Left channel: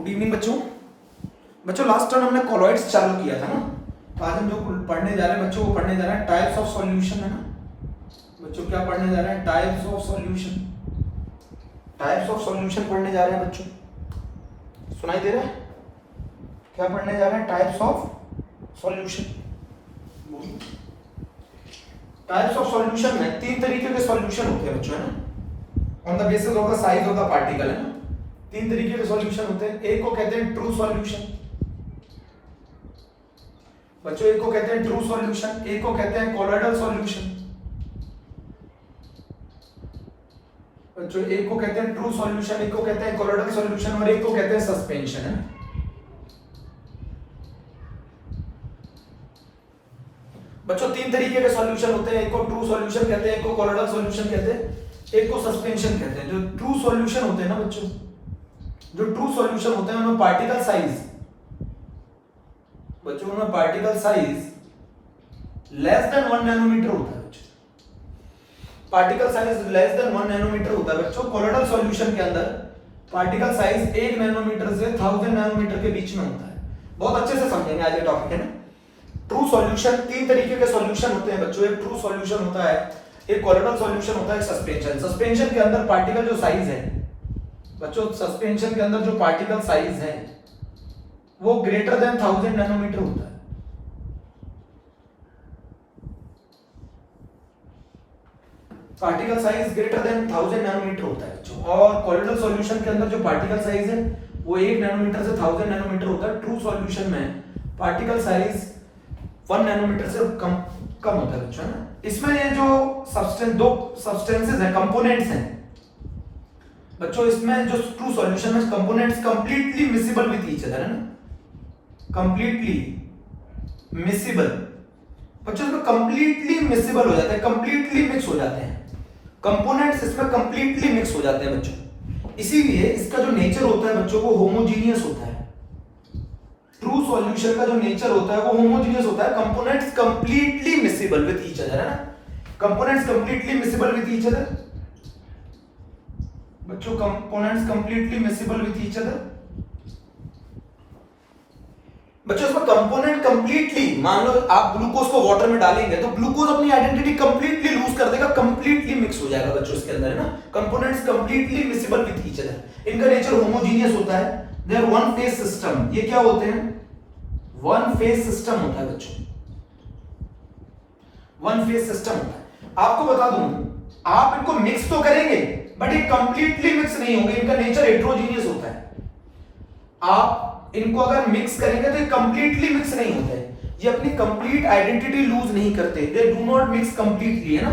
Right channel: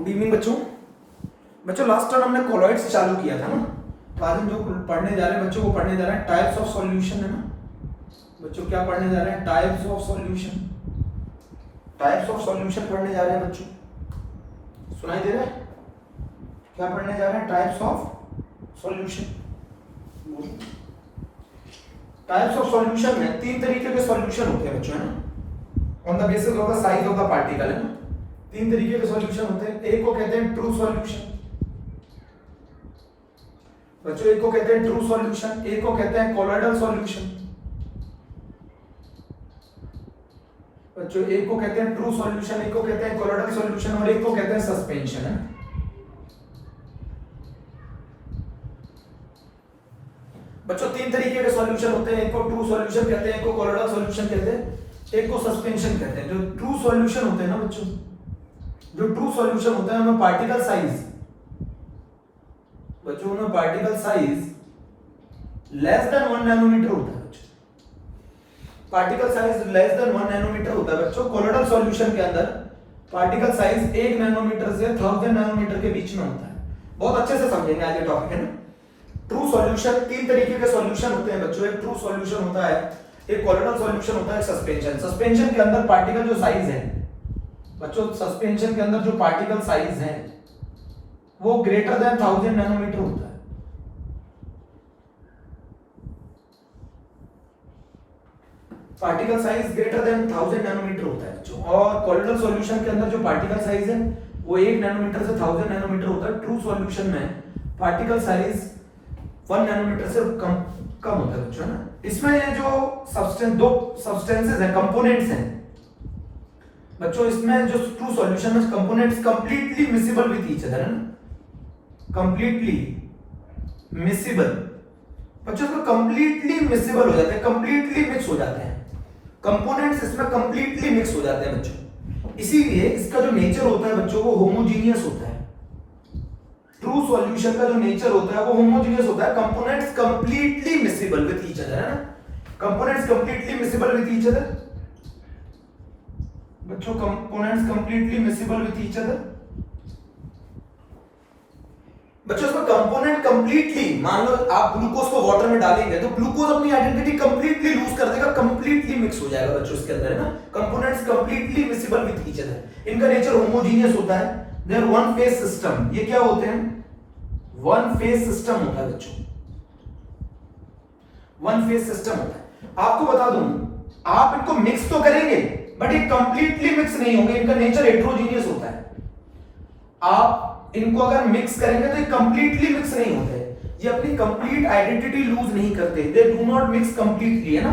Good evening बच्चों। बच्चों last time हमने कॉलॉइड्स चालू किया था ना, तो आज हम जो पढ़ने जा रहे हैं बच्चों वो पढ़ने जा रहे हैं टाइप्स ऑफ सॉल्यूशन, है ना बच्चों। क्या पढ़ने जा रहे हैं? Types of solution. Types of solution पढ़ने जा रहे हैं बच्चों, सुनाई दे रहा है? क्या पढ़ने जा रहे हैं? Types of solution. Types of solution में तीन तरीके के सॉल्यूशन होते हैं बच्चों, है ना, on the basis of the size of the particle, है ना। तीन तरीके के सॉल्यूशन होते हैं। एक को कहते हैं ट्रू सॉल्यूशन बच्चों, एक को कहते हैं ट्रू सॉल्यूशन, एक को कहते हैं कोलॉइडल सॉल्यूशन बच्चों, एक को कहते हैं ट्रू सॉल्यूशन, एक को कहते हैं कोलॉइडल सॉल्यूशन और एक को कहते हैं सस्पेंशन, है। बच्चों तीन तरीके के सॉल्यूशन होते हैं, एक को ट्रू सॉल्यूशन कहते हैं, एक को कोलॉइडल सॉल्यूशन कहते हैं, एक को सस्पेंशन कहते हैं। जो ट्रू सॉल्यूशन होते हैं ना बच्चों, जो ट्रू सॉल्यूशन होता है उनमें पार्टिकल साइज बच्चों, उनमें particle size less than 1 nanometre होता है बच्चों। Particle size less than 1 nanometre होता है बच्चों। कोलॉइडल सॉल्यूशन के अंदर पार्टिकल साइज 1 नैनोमीटर से 1000 नैनोमीटर के बीच में होता है। बहुत अच्छे से समझेंगे आज ये टॉपिक, है ना। ट्रू सॉल्यूशन, तीन तरीके के सॉल्यूशन होते हैं बच्चों। एक ट्रू सॉल्यूशन होता है, एक कोलॉइडल सॉल्यूशन होता है, सस्पेंशन। सस्पेंशन के अंदर पार्टिकल जो साइज है बच्चों, सस्पेंशन के अंदर जो पार्टिकल साइज है वो ग्रेटर देन 1000 नैनोमीटर होता है। Particle size greater than 1000 nanometre होता है बच्चों। और कोलॉइडल सॉल्यूशन के अंदर जो पार्टिकल साइज है वो 1 नैनोमीटर से 1000 नैनोमीटर होता है। ट्रू सॉल्यूशन में पार्टिकल साइज 1 नैनोमीटर से कम होता है बच्चों, है ना। इसमें ये जो सब्सटेंस, दो सब्सटेंसेस हैं, कंपोनेंट्स हैं बच्चों, इसमें जो ट्रू सॉल्यूशन में components completely miscible with each other, है ना, कंप्लीटली मिसिबल बच्चों, इसमें कंप्लीटली मिसिबल हो जाते हैं, कंप्लीटली मिक्स हो जाते हैं। कंपोनेंट्स इसमें कंप्लीटली मिक्स हो जाते हैं बच्चों। इसीलिए इसका जो नेचर होता है बच्चों वो होमोजीनियस होता है। ट्रू सॉल्यूशन का जो नेचर होता है वो होमोजीनियस होता है। Components completely miscible with each other, है ना, components completely miscible with each other बच्चों, components completely miscible with each other बच्चों। इसमें कंपोनेंट कंप्लीटली, मान लो आप ग्लूकोज को वाटर में डालेंगे तो ग्लूकोज अपनी आइडेंटिटी कंप्लीटली लूज कर देगा, कंप्लीटली मिक्स हो जाएगा बच्चों इसके अंदर, है ना। Components completely miscible with each other. इनका नेचर होमोजीनियस होता है। देयर वन फेज सिस्टम, ये क्या होते हैं? वन फेज सिस्टम होता है बच्चों, वन फेज सिस्टम होता है। आपको बता दूं, आप इनको मिक्स तो करेंगे बट ये कंप्लीटली मिक्स नहीं होंगे। इनका नेचर हेटेरोजीनियस होता है। आप इनको अगर मिक्स करेंगे तो ये कंप्लीटली मिक्स नहीं होते, ये अपनी कंप्लीट आइडेंटिटी लूज नहीं करते। दे डू नॉट मिक्स कंप्लीटली, है ना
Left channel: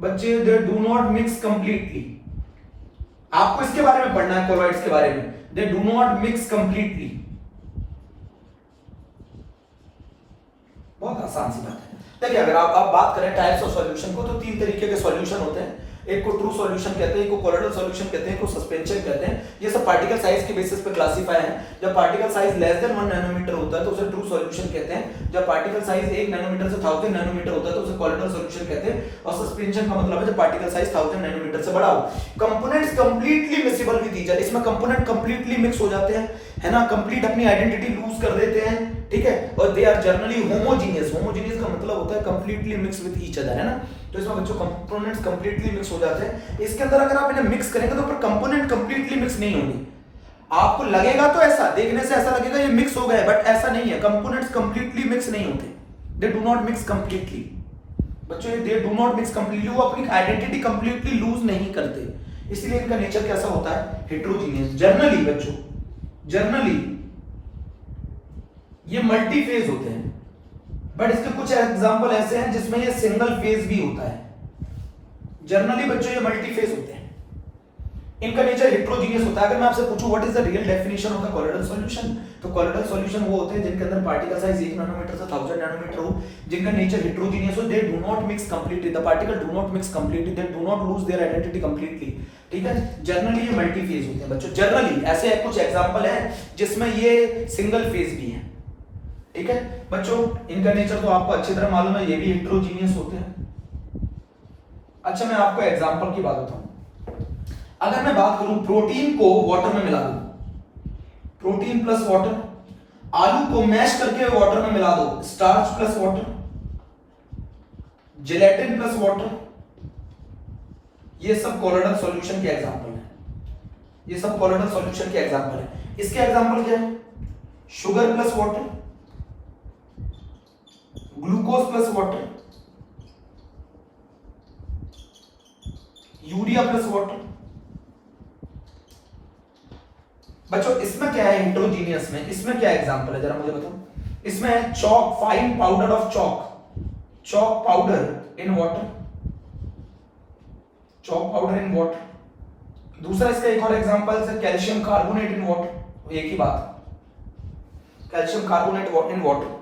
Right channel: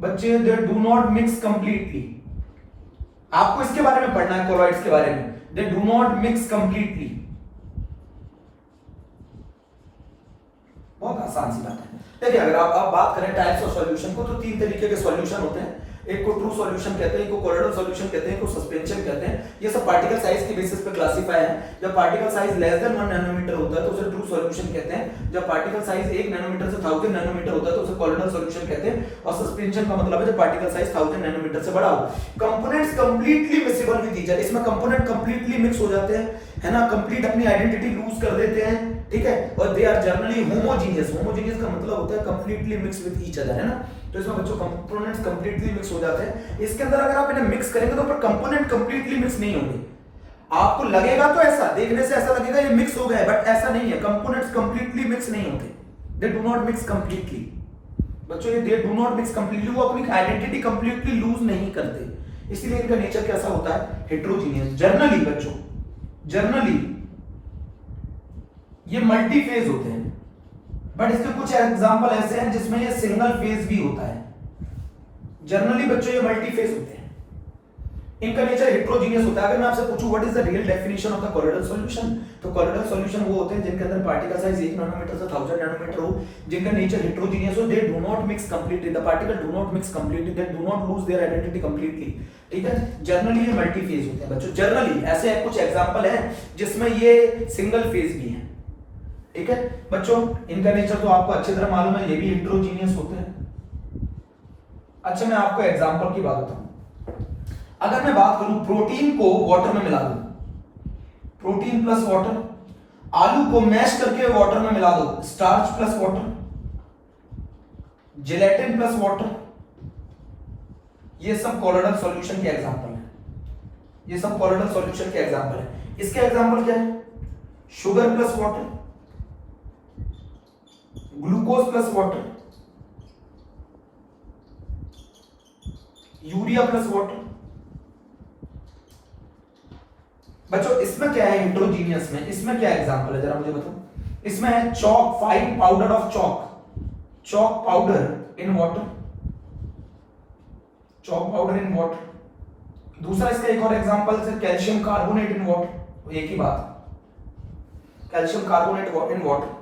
बच्चे, दे डू नॉट मिक्स कंप्लीटली। आपको इसके बारे में पढ़ना है, कोलॉइड्स के बारे में। दे डू नॉट मिक्स कंप्लीटली, बहुत आसान सी बात है। देखिए अगर आप बात करें टाइप्स ऑफ सॉल्यूशन को, तो तीन तरीके के सॉल्यूशन होते हैं। एक को ट्रू सॉल्यूशन कहते हैं, एक को कोलॉइडल सॉल्यूशन कहते हैं, एक को सस्पेंशन कहते हैं। ये सब पार्टिकल साइज के बेसिस पे क्लासिफाई है। जब particle size less than 1 nanometre होता है तो उसे ट्रू सॉल्यूशन कहते हैं। जब पार्टिकल साइज 1 नैनोमीटर से 1000 नैनोमीटर होता है तो उसे कोलॉइडल सॉल्यूशन कहते हैं। और सस्पेंशन का मतलब है जब पार्टिकल साइज 1000 नैनोमीटर से बड़ा हो। Components completely miscible with each other, इसमें कंपोनेंट कंप्लीटली मिक्स हो जाते हैं, है ना, कंप्लीट अपनी आइडेंटिटी लूज कर देते हैं, ठीक है। और they are generally homogeneous. Homogeneous का मतलब होता है completely mix with each other, है ना। तो इसमें बच्चों कंपोनेंट्स कंप्लीटली मिक्स हो जाते हैं। इसके अंदर अगर आप इन्हें मिक्स करेंगे तो पर कंपोनेंट कंप्लीटली मिक्स नहीं होंगे। आपको लगेगा तो ऐसा, देखने से ऐसा लगेगा ये मिक्स हो गए, बट ऐसा नहीं है। कंपोनेंट्स कंप्लीटली मिक्स नहीं होते, दे डू नॉट मिक्स कंप्लीटली बच्चों, ये दे डू नॉट मिक्स कंप्लीटली, वो अपनी आइडेंटिटी कंप्लीटली लूज नहीं करते। इसलिए इनका नेचर कैसा होता है? हेटेरोजीनियस। जनरली बच्चों, जनरली ये मल्टी फेज होते हैं, बट इसके कुछ एग्जांपल ऐसे हैं जिसमें ये सिंगल फेज भी होता है। जनरली बच्चों ये मल्टी फेज होते हैं। इनका नेचर हेटेरोजीनियस होता है। अगर मैं आपसे पूछूं what is the real definition of the colloidal solution, तो कोलॉइडल सॉल्यूशन वो होते हैं जिनके अंदर पार्टिकल साइज 1 नैनोमीटर से 1000 नैनोमीटर हो, जिनका नेचर हेटेरोजीनियस हो, दे do not mix completely, the particle do not mix completely, they do not lose their identity completely, ठीक है। जनरली ये मल्टी फेज होते हैं बच्चों। जनरली ऐसे कुछ एग्जांपल हैं जिसमें ये सिंगल फेज भी है, ठीक है बच्चों। इनका नेचर तो आपको अच्छी तरह मालूम है, ये भी हेटेरोजीनियस होते हैं। अच्छा मैं आपको एग्जांपल की बात बताऊं। अगर मैं बात करूं प्रोटीन को वाटर में मिला दूं, प्रोटीन प्लस वाटर, आलू को मैश करके वाटर में मिला दो, starch plus water, gelatin plus water, ये सब कोलोइडल सॉल्यूशन के एग्जांपल है। ये सब कोलोइडल सॉल्यूशन के एग्जांपल है। इसके एग्जांपल क्या है? Sugar plus water, glucose plus water, urea plus water. बच्चों इसमें क्या है हेट्रोजीनियस में? इसमें क्या एग्जांपल है जरा मुझे बताओ। इसमें है chalk, fine powder of chalk, chalk powder in water, chalk powder in water. दूसरा इसका एक और एग्जांपल है कैल्शियम कार्बोनेट इन वाटर, एक ही बात, कैल्शियम कार्बोनेट इन वाटर।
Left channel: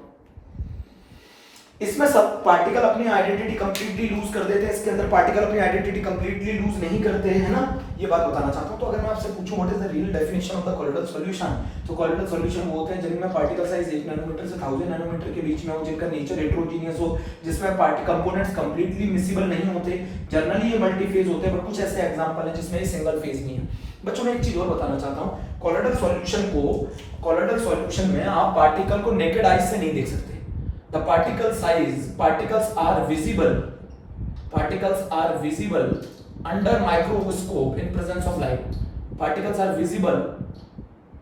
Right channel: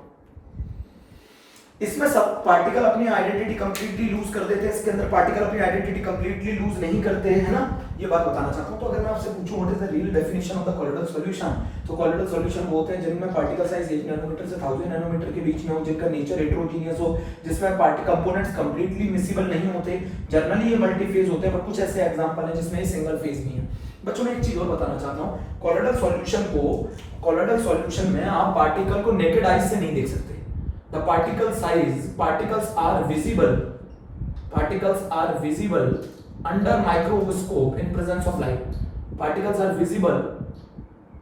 इसमें सब पार्टिकल अपनी आइडेंटिटी कंप्लीटली लूज कर देते हैं, इसके अंदर पार्टिकल अपनी आइडेंटिटी कंप्लीटली लूज नहीं करते हैं, है ना? ये बात बताना चाहता हूं। तो अगर मैं आपसे पूछूं what is the real definition of the colloidal solution, तो कोलोइडल सॉल्यूशन वो होते हैं जिनमें पार्टिकल साइज 1 नैनोमीटर से 1000 नैनोमीटर के बीच में हो, जिनका नेचर हेट्रोजीनियस हो, जिसमें पार्टिकल कंपोनेंट्स कंप्लीटली मिसिबल नहीं होते। जनरली ये मल्टीफेज होते हैं, बट कुछ ऐसे एग्जांपल हैं जिसमें ये सिंगल फेज नहीं है। बच्चों मैं एक चीज और बताना चाहता हूं, कोलोइडल सॉल्यूशन में आप पार्टिकल को नेकेड आईज से नहीं देख सकते। The particles are visible under microscope in presence of light. Particles are visible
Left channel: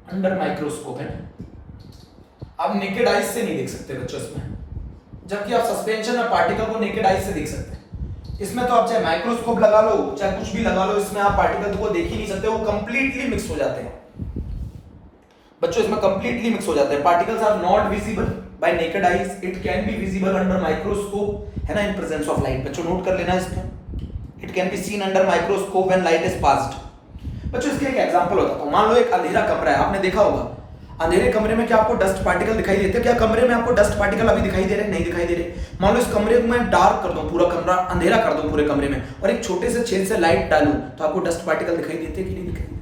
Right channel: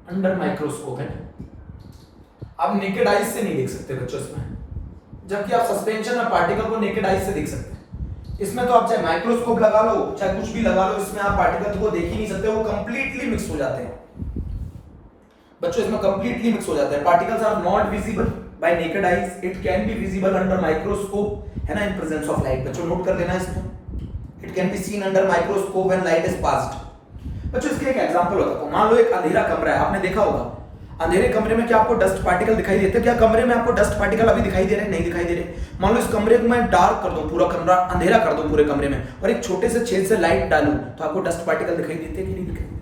under microscope है। आप नेकेड आइज से नहीं देख सकते बच्चों इसमें, जबकि आप सस्पेंशन में पार्टिकल को नेकेड आइज से देख सकते हैं। इसमें तो आप चाहे माइक्रोस्कोप लगा लो, चाहे कुछ भी लगा लो, इसमें आप पार्टिकल को देख ही नहीं सकते, वो कंप्लीटली मिक्स हो जाते हैं। बच्चों इसमें कंप्लीटली मिक्स हो जाते हैं। Particles are not visible by naked eyes, it can be visible under microscope, है ना, in presence of light। बच्चों नोट कर लेना इसको, it can be seen under microscope when light is passed। बच्चों इसके एक एग्जांपल होता है, मान लो एक अंधेरा कमरा है, आपने देखा होगा अंधेरे कमरे में क्या आपको डस्ट पार्टिकल दिखाई देते हैं? क्या कमरे में आपको डस्ट पार्टिकल अभी दिखाई दे रहे हैं? नहीं दिखाई दे रहे। मान लो इस कमरे को मैं डार्क कर दूं, पूरा कमरा अंधेरा कर दूं पूरे कमरे में, और एक छोटे से छेद से लाइट डालूं, तो आपको डस्ट पार्टिकल दिखाई देते हैं कि नहीं दिखाई देते?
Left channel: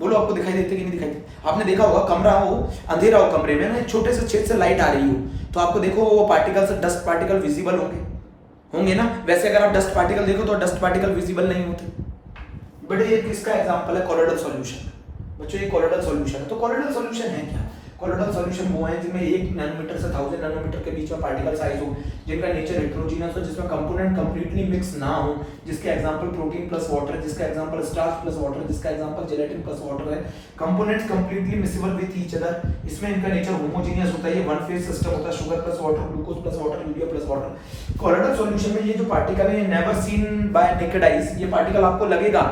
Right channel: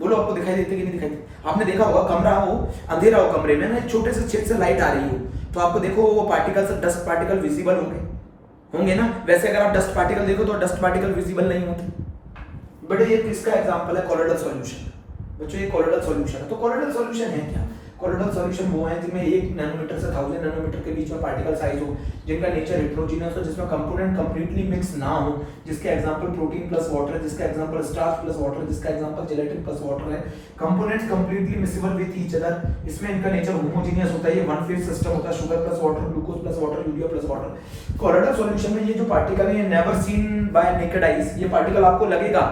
बोलो आपको दिखाई देते कि नहीं दिखाई देते? आपने देखा होगा कमरा हो अंधेरा हो, कमरे में ना छोटे से छेद से लाइट आ रही हो, तो आपको देखो वो पार्टिकल्स, डस्ट पार्टिकल विजिबल होंगे ना? वैसे अगर आप डस्ट पार्टिकल देखो तो डस्ट पार्टिकल विजिबल नहीं होते। बट ये किसका एग्जांपल है? Colloidal solution. बच्चों ये कोलोइडल सॉल्यूशन है। तो कोलोइडल सॉल्यूशन है क्या? कोलोइडल सॉल्यूशन वो है जिनमें 1 नैनोमीटर से 1000 नैनोमीटर के बीच में पार्टिकल साइज हो, जिनका नेचर हेट्रोजीनियस हो, जिसमें कंपोनेंट कंप्लीटली मिक्स ना हो, जिसके एग्जांपल प्रोटीन प्लस वाटर है, जिसका एग्जांपल स्टार्च प्लस वाटर है, जिसका एग्जांपल जेलेटिन प्लस वाटर है। Components completely miscible with each other. इसमें इनका नेचर होमोजेनियस होता है, ये वन फेज सिस्टम होता है, sugar plus water, glucose plus water, urea plus water. Colloidal solution में ये जो पार्टिकल है, never seen bye naked eyes, ये पार्टिकल आपको लगेगा,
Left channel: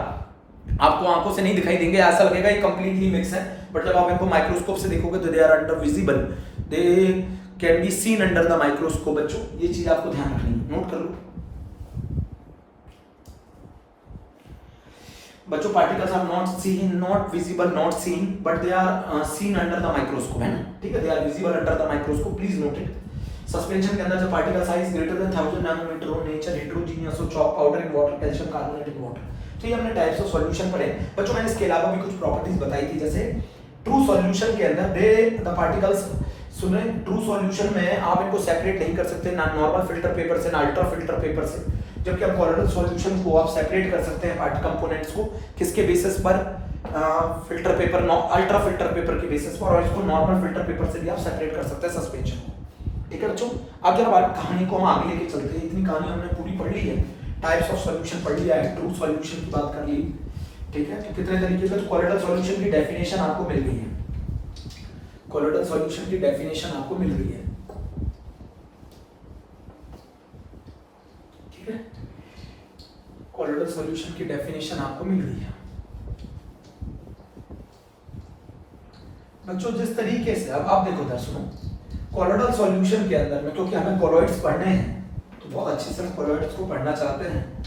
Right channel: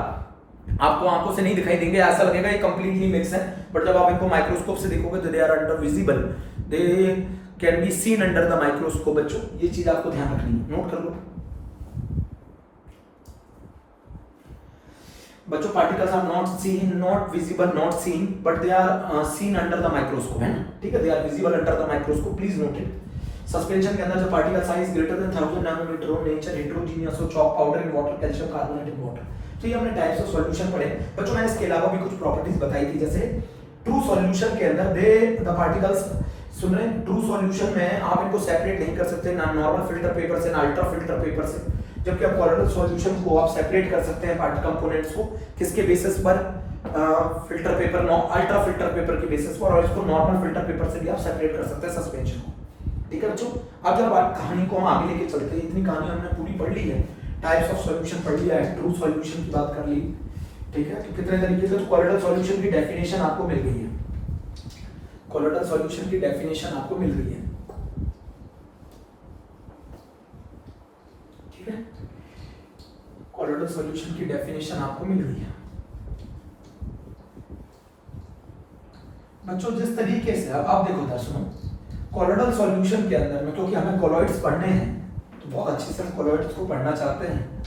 आपको आंखों से नहीं दिखाई देंगे, ऐसा लगेगा ये कंप्लीटली मिक्स है, बट जब आप इनको माइक्रोस्कोप से देखोगे तो they are under visible, they can be seen under the microscope. बच्चों ये चीज आपको ध्यान रखनी है, नोट कर लो। बच्चों particles are not seen, not visible, not seen, but they are seen under the microscope, है ना? ठीक है, they are visible under the microscope, please note it. Suspension के अंदर जब particle size greater than 1000 nanometre हो, नेचर हेट्रोजीनियस हो, chalk powder in water, calcium carbonate in water. तो ये हमने टाइप्स ऑफ सॉल्यूशन पढ़े। बच्चों मैंने इसके अलावा भी कुछ प्रॉपर्टीज बताई थी, जैसे ट्रू सॉल्यूशन के अंदर दे द पार्टिकल्स, सुन रहे हैं, ट्रू सॉल्यूशन में आप इनको सेपरेट नहीं कर सकते, ना नॉर्मल फिल्टर पेपर से, ना अल्ट्रा फिल्टर पेपर से, जबकि आप कोलोइडल सॉल्यूशन को आप सेपरेट कर सकते हैं पार्टिकल कंपोनेंट्स को, किसके बेसिस पर? Filter paper, ultra filter paper के बेसिस पर, और इसको नॉर्मल फिल्टर पेपर से भी आप सेपरेट कर सकते हैं सस्पेंशन को। ठीक है बच्चों, अब जब कहानी को हम आगे लेके चलते हैं, इतनी कहानी हमने पूरी पढ़ ली है, टाइप्स ऑफ सॉल्यूशन पढ़ लिया है, ट्रू सॉल्यूशन की बात कर ली, ठीक है? तो कितने तरीके से, तो कोलोइडल सॉल्यूशन की डेफिनेशन आपको मिल गई है, कोलोइडल सॉल्यूशन की डेफिनेशन आपको मिल गई है, ठीक है? कोलोइडल सॉल्यूशन की डेफिनेशन आपको मिल गई है। बच्चों जिस तरीके से अब देखो दर्शकों, कोलोइडल सॉल्यूशन के अंदर में, क्योंकि हमें कोलॉइड्स पढ़ने हैं तो बहुत अच्छे से हम कोलॉइड्स को पढ़ना चाहते हैं,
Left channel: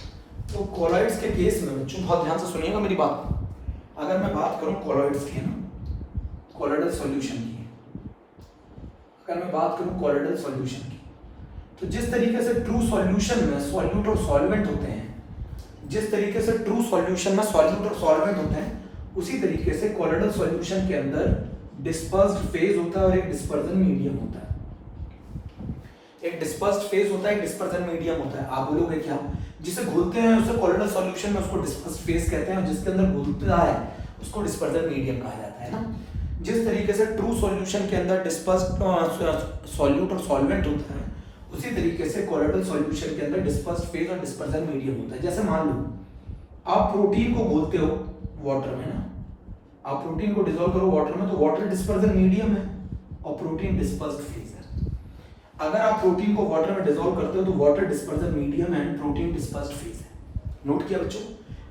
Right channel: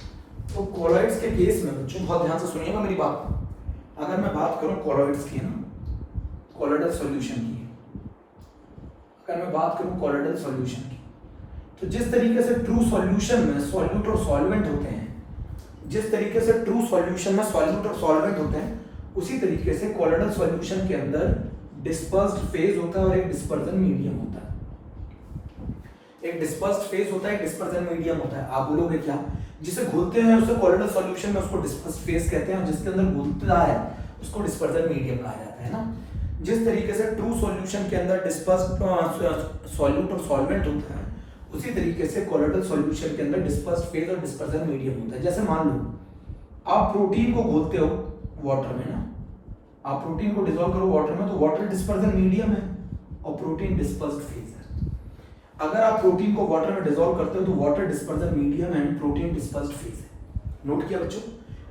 तो कोलॉइड्स के केस में बच्चों बहुत ध्यान से सुनिएगा मेरी बात। अगर मैं बात करूं कोलॉइड्स की ना, कोलॉइडल सॉल्यूशन की, अगर मैं बात करूं कोलॉइडल सॉल्यूशन की, तो जिस तरीके से ट्रू सॉल्यूशन में सॉल्यूट और सॉल्वेंट होते हैं, जिस तरीके से ट्रू सॉल्यूशन में सॉल्यूट और सॉल्वेंट होते हैं, उसी तरीके से कोलॉइडल सॉल्यूशन के अंदर डिस्पर्स्ड फेज होता है और एक डिस्पर्जन मीडियम होता है। एक डिस्पर्स्ड फेज होता है, एक डिस्पर्जन मीडियम होता है। आप बोलोगे क्या? जिसे घुलते हैं उसे कोलोइडल सॉल्यूशन में उसको डिस्पर्स्ड फेज कहते हैं, और जिसके अंदर घुलता है उसको डिस्पर्जन मीडियम कहा जाता है ना। जिस तरीके से ट्रू सॉल्यूशन के अंदर डिस्पर्स्ड सॉल्यूट और सॉल्वेंट होता है, उसी तरीके से कोलोइडल सॉल्यूशन के अंदर डिस्पर्स्ड फेज और डिस्पर्जन मीडियम होता है। जैसे मान लो आप प्रोटीन को घोलते हो वाटर में ना, आप प्रोटीन को डिसॉल्व करो वाटर में, तो वाटर डिस्पर्जन मीडियम है और प्रोटीन डिस्पर्स्ड फेज है। अगर आप प्रोटीन को वाटर में डिसॉल्व करते हो तो वाटर डिस्पर्जन मीडियम है एंड प्रोटीन डिस्पर्स्ड फेज है। नोट किया बच्चों?